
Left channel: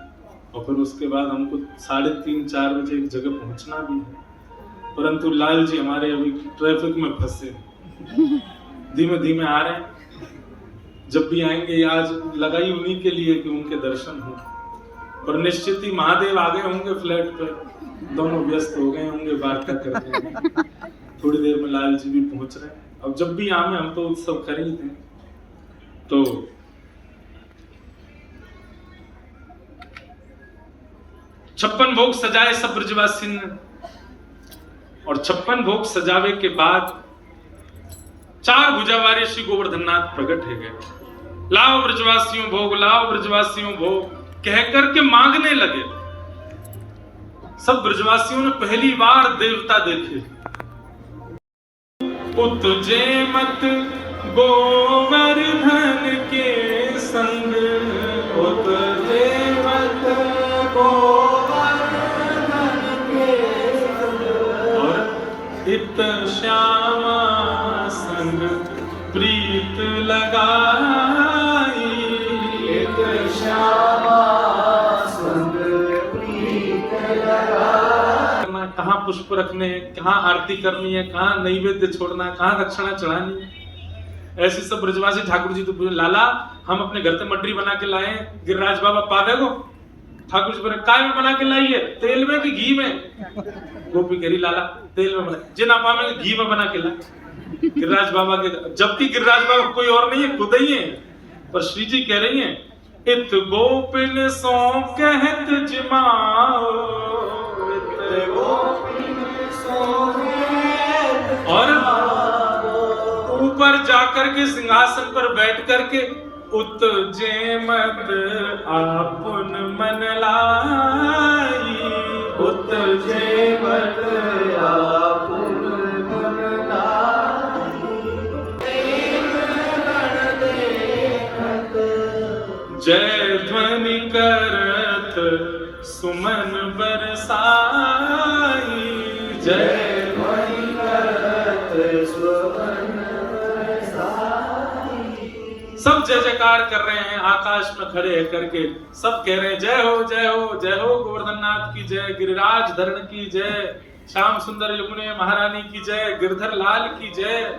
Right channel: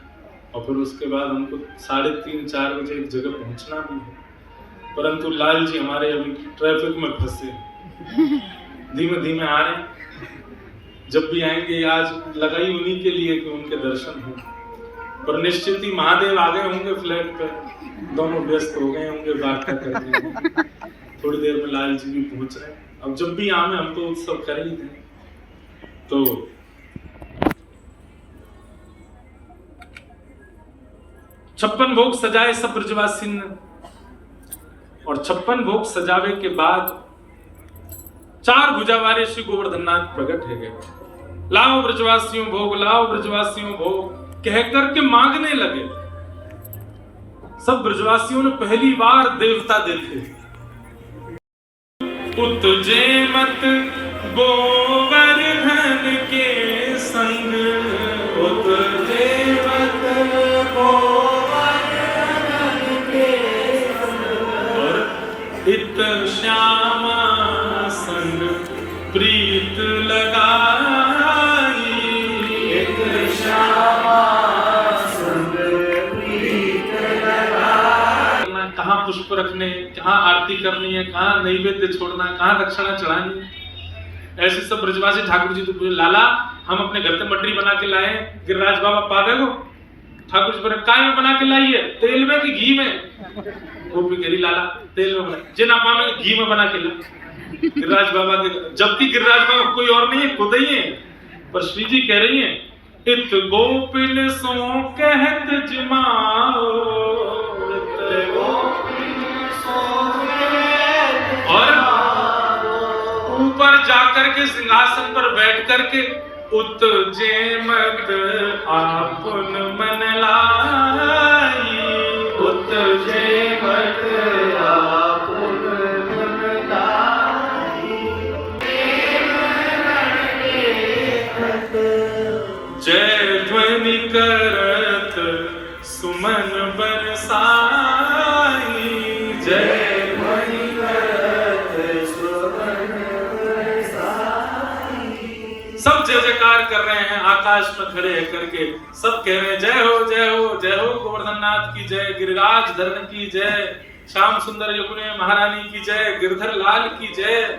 और फिर उसके बाद हमको 3:30-4 बजे एक जगह पहुंचना भी है। परंतु लाल जी हमारे अभी ट्रैफिक में फंसे, धीमे धीमे आ रहे हैं। जब भी आएंगे आज लगाई उन्हीं के लिए कि उनके दर्शन हो। पर निश्चित ही महादेव आ गए होंगे फ्लैट पर, दोनों व्यस्त हो गए होंगे बात करके। थोड़ी देर में लाल जी भी पहुंच रहे हैं। अब जब भी आवे हम तो उत्सव कर ही थे। तो छप्पन भोग सजाए सब ब्रजवासी ने और 56 भोग सजावे के बाद 4 भुजावारी श्री गोवर्धननाथ प्रकट है गए। लाओ ब्रजवासियों भोग, लाओ ब्रजवासियों भोग कह करके मांगने लगे। सब ब्रजवासियों ने पहली बार देवता देखे। उतजे मत गोवर्धन के संग, उतजे मत गोवर्धन के संग, और इत श्यामा संग प्रीत लगाई, इत श्यामा संग प्रीत लगाई। कहाँ पुष्प रखने, कहाँ आरती करनी है, कहाँ नैवेद्य छोड़ना, कहाँ दक्षिणा चढ़ानी है। ऐसे सब ब्रजवासी ठाकुर जी तो लाला हम अपने घर से मटरी बना के लाए, गिरिराज बाबा पा गए। ठाकुर जी बोले काय में बना के लाई है, तेल में कि घी में? गोपी कह रही लाला तेल में बना, जिन आपा में घी में बना के ला। गिरिराज बाबा के, जबकि गिरिराज बाबा कोई और नहीं है, खुद ही है। पर श्री जी कह रही हैं इत गोपिल सो कहत जिमाओ, इत गोपिल सो कहत, और ऊपर जाकर के सिंहासन पर बैठ करके उतजे मत आपुन मन लाई, उतजे मत आपुन मन लाई। जय ध्वनि करत सुमन बरसाई, जय ध्वनि करत सुमन बरसाई। सब जय जयकार कर रहे हैं, आकाश में खड़े करके सब कह रहे हैं जय हो जय हो जय हो गोवर्धननाथ की जय, गिरिराज धरण की जय, श्याम सुंदर युगने महारानी की जय, गिरधर लाल की जय।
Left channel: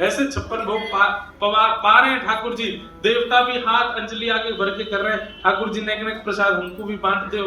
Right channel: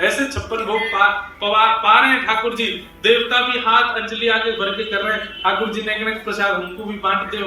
ऐसे 56 भोग पा रहे हैं ठाकुर जी। देवता भी हाथ अंजलि आगे भर के कर रहे हैं, ठाकुर जी ने प्रसाद हमको भी बांट दो।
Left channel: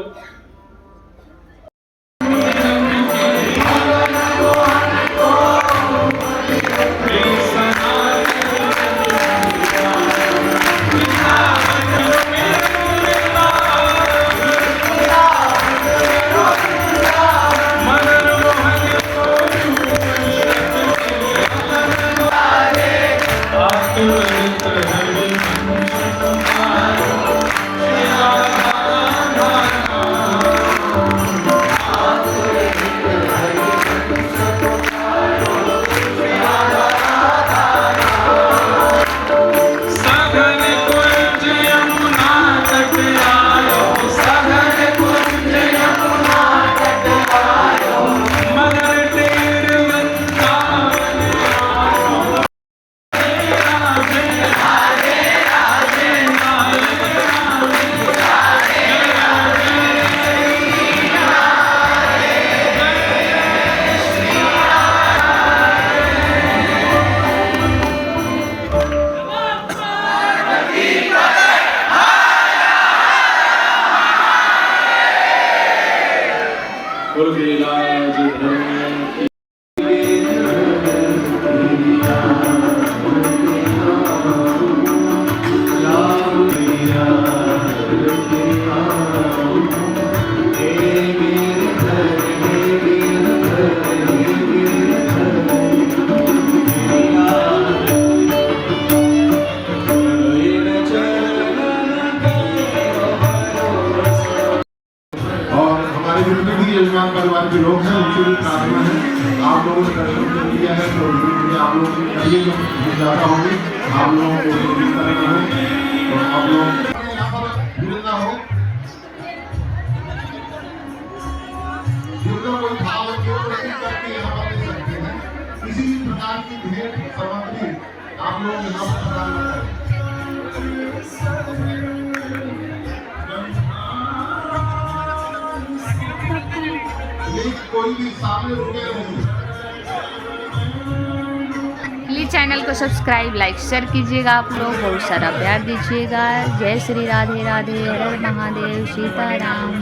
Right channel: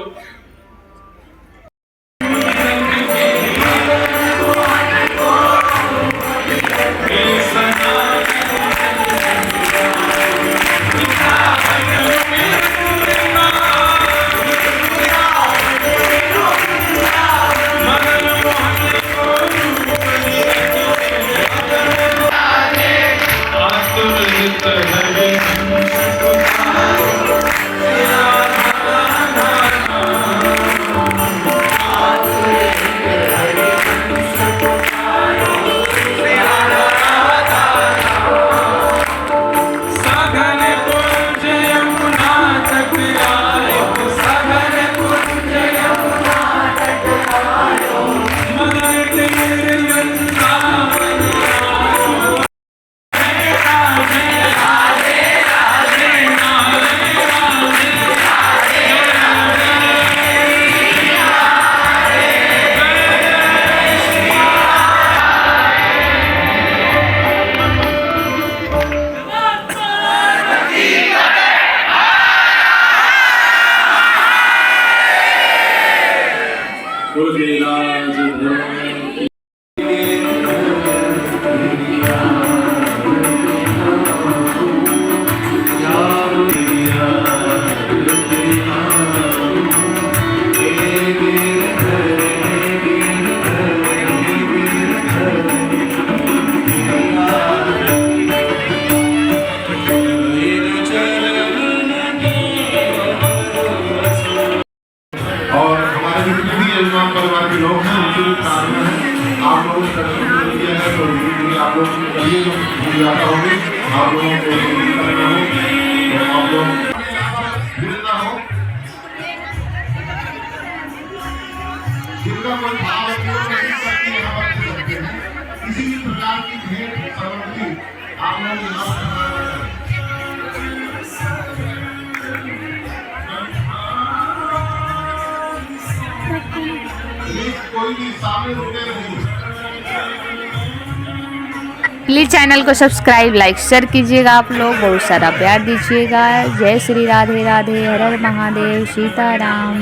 परिवार के लोग हैं, उनके भी प्रार्थना है। आप लोगों ने दर्शन किया है तो आप लोग करिए, जो ज्यादा होंगे आप लोगों को करना है, तो आप लोग गिरना हो, दुर्गा कोई भाव किसी भी प्रकार की भेंट सामग्री आप लोग यहाँ प्रदान करें। कोई भी सामने रुके नहीं। प्लीज़ चैनल को सब्सक्राइब लाइक शेयर कीजिएगा, आप लोग बहुत सारा प्यार दीजिएगा। जय श्री राधे राधे, हर हर महादेव, सीताराम।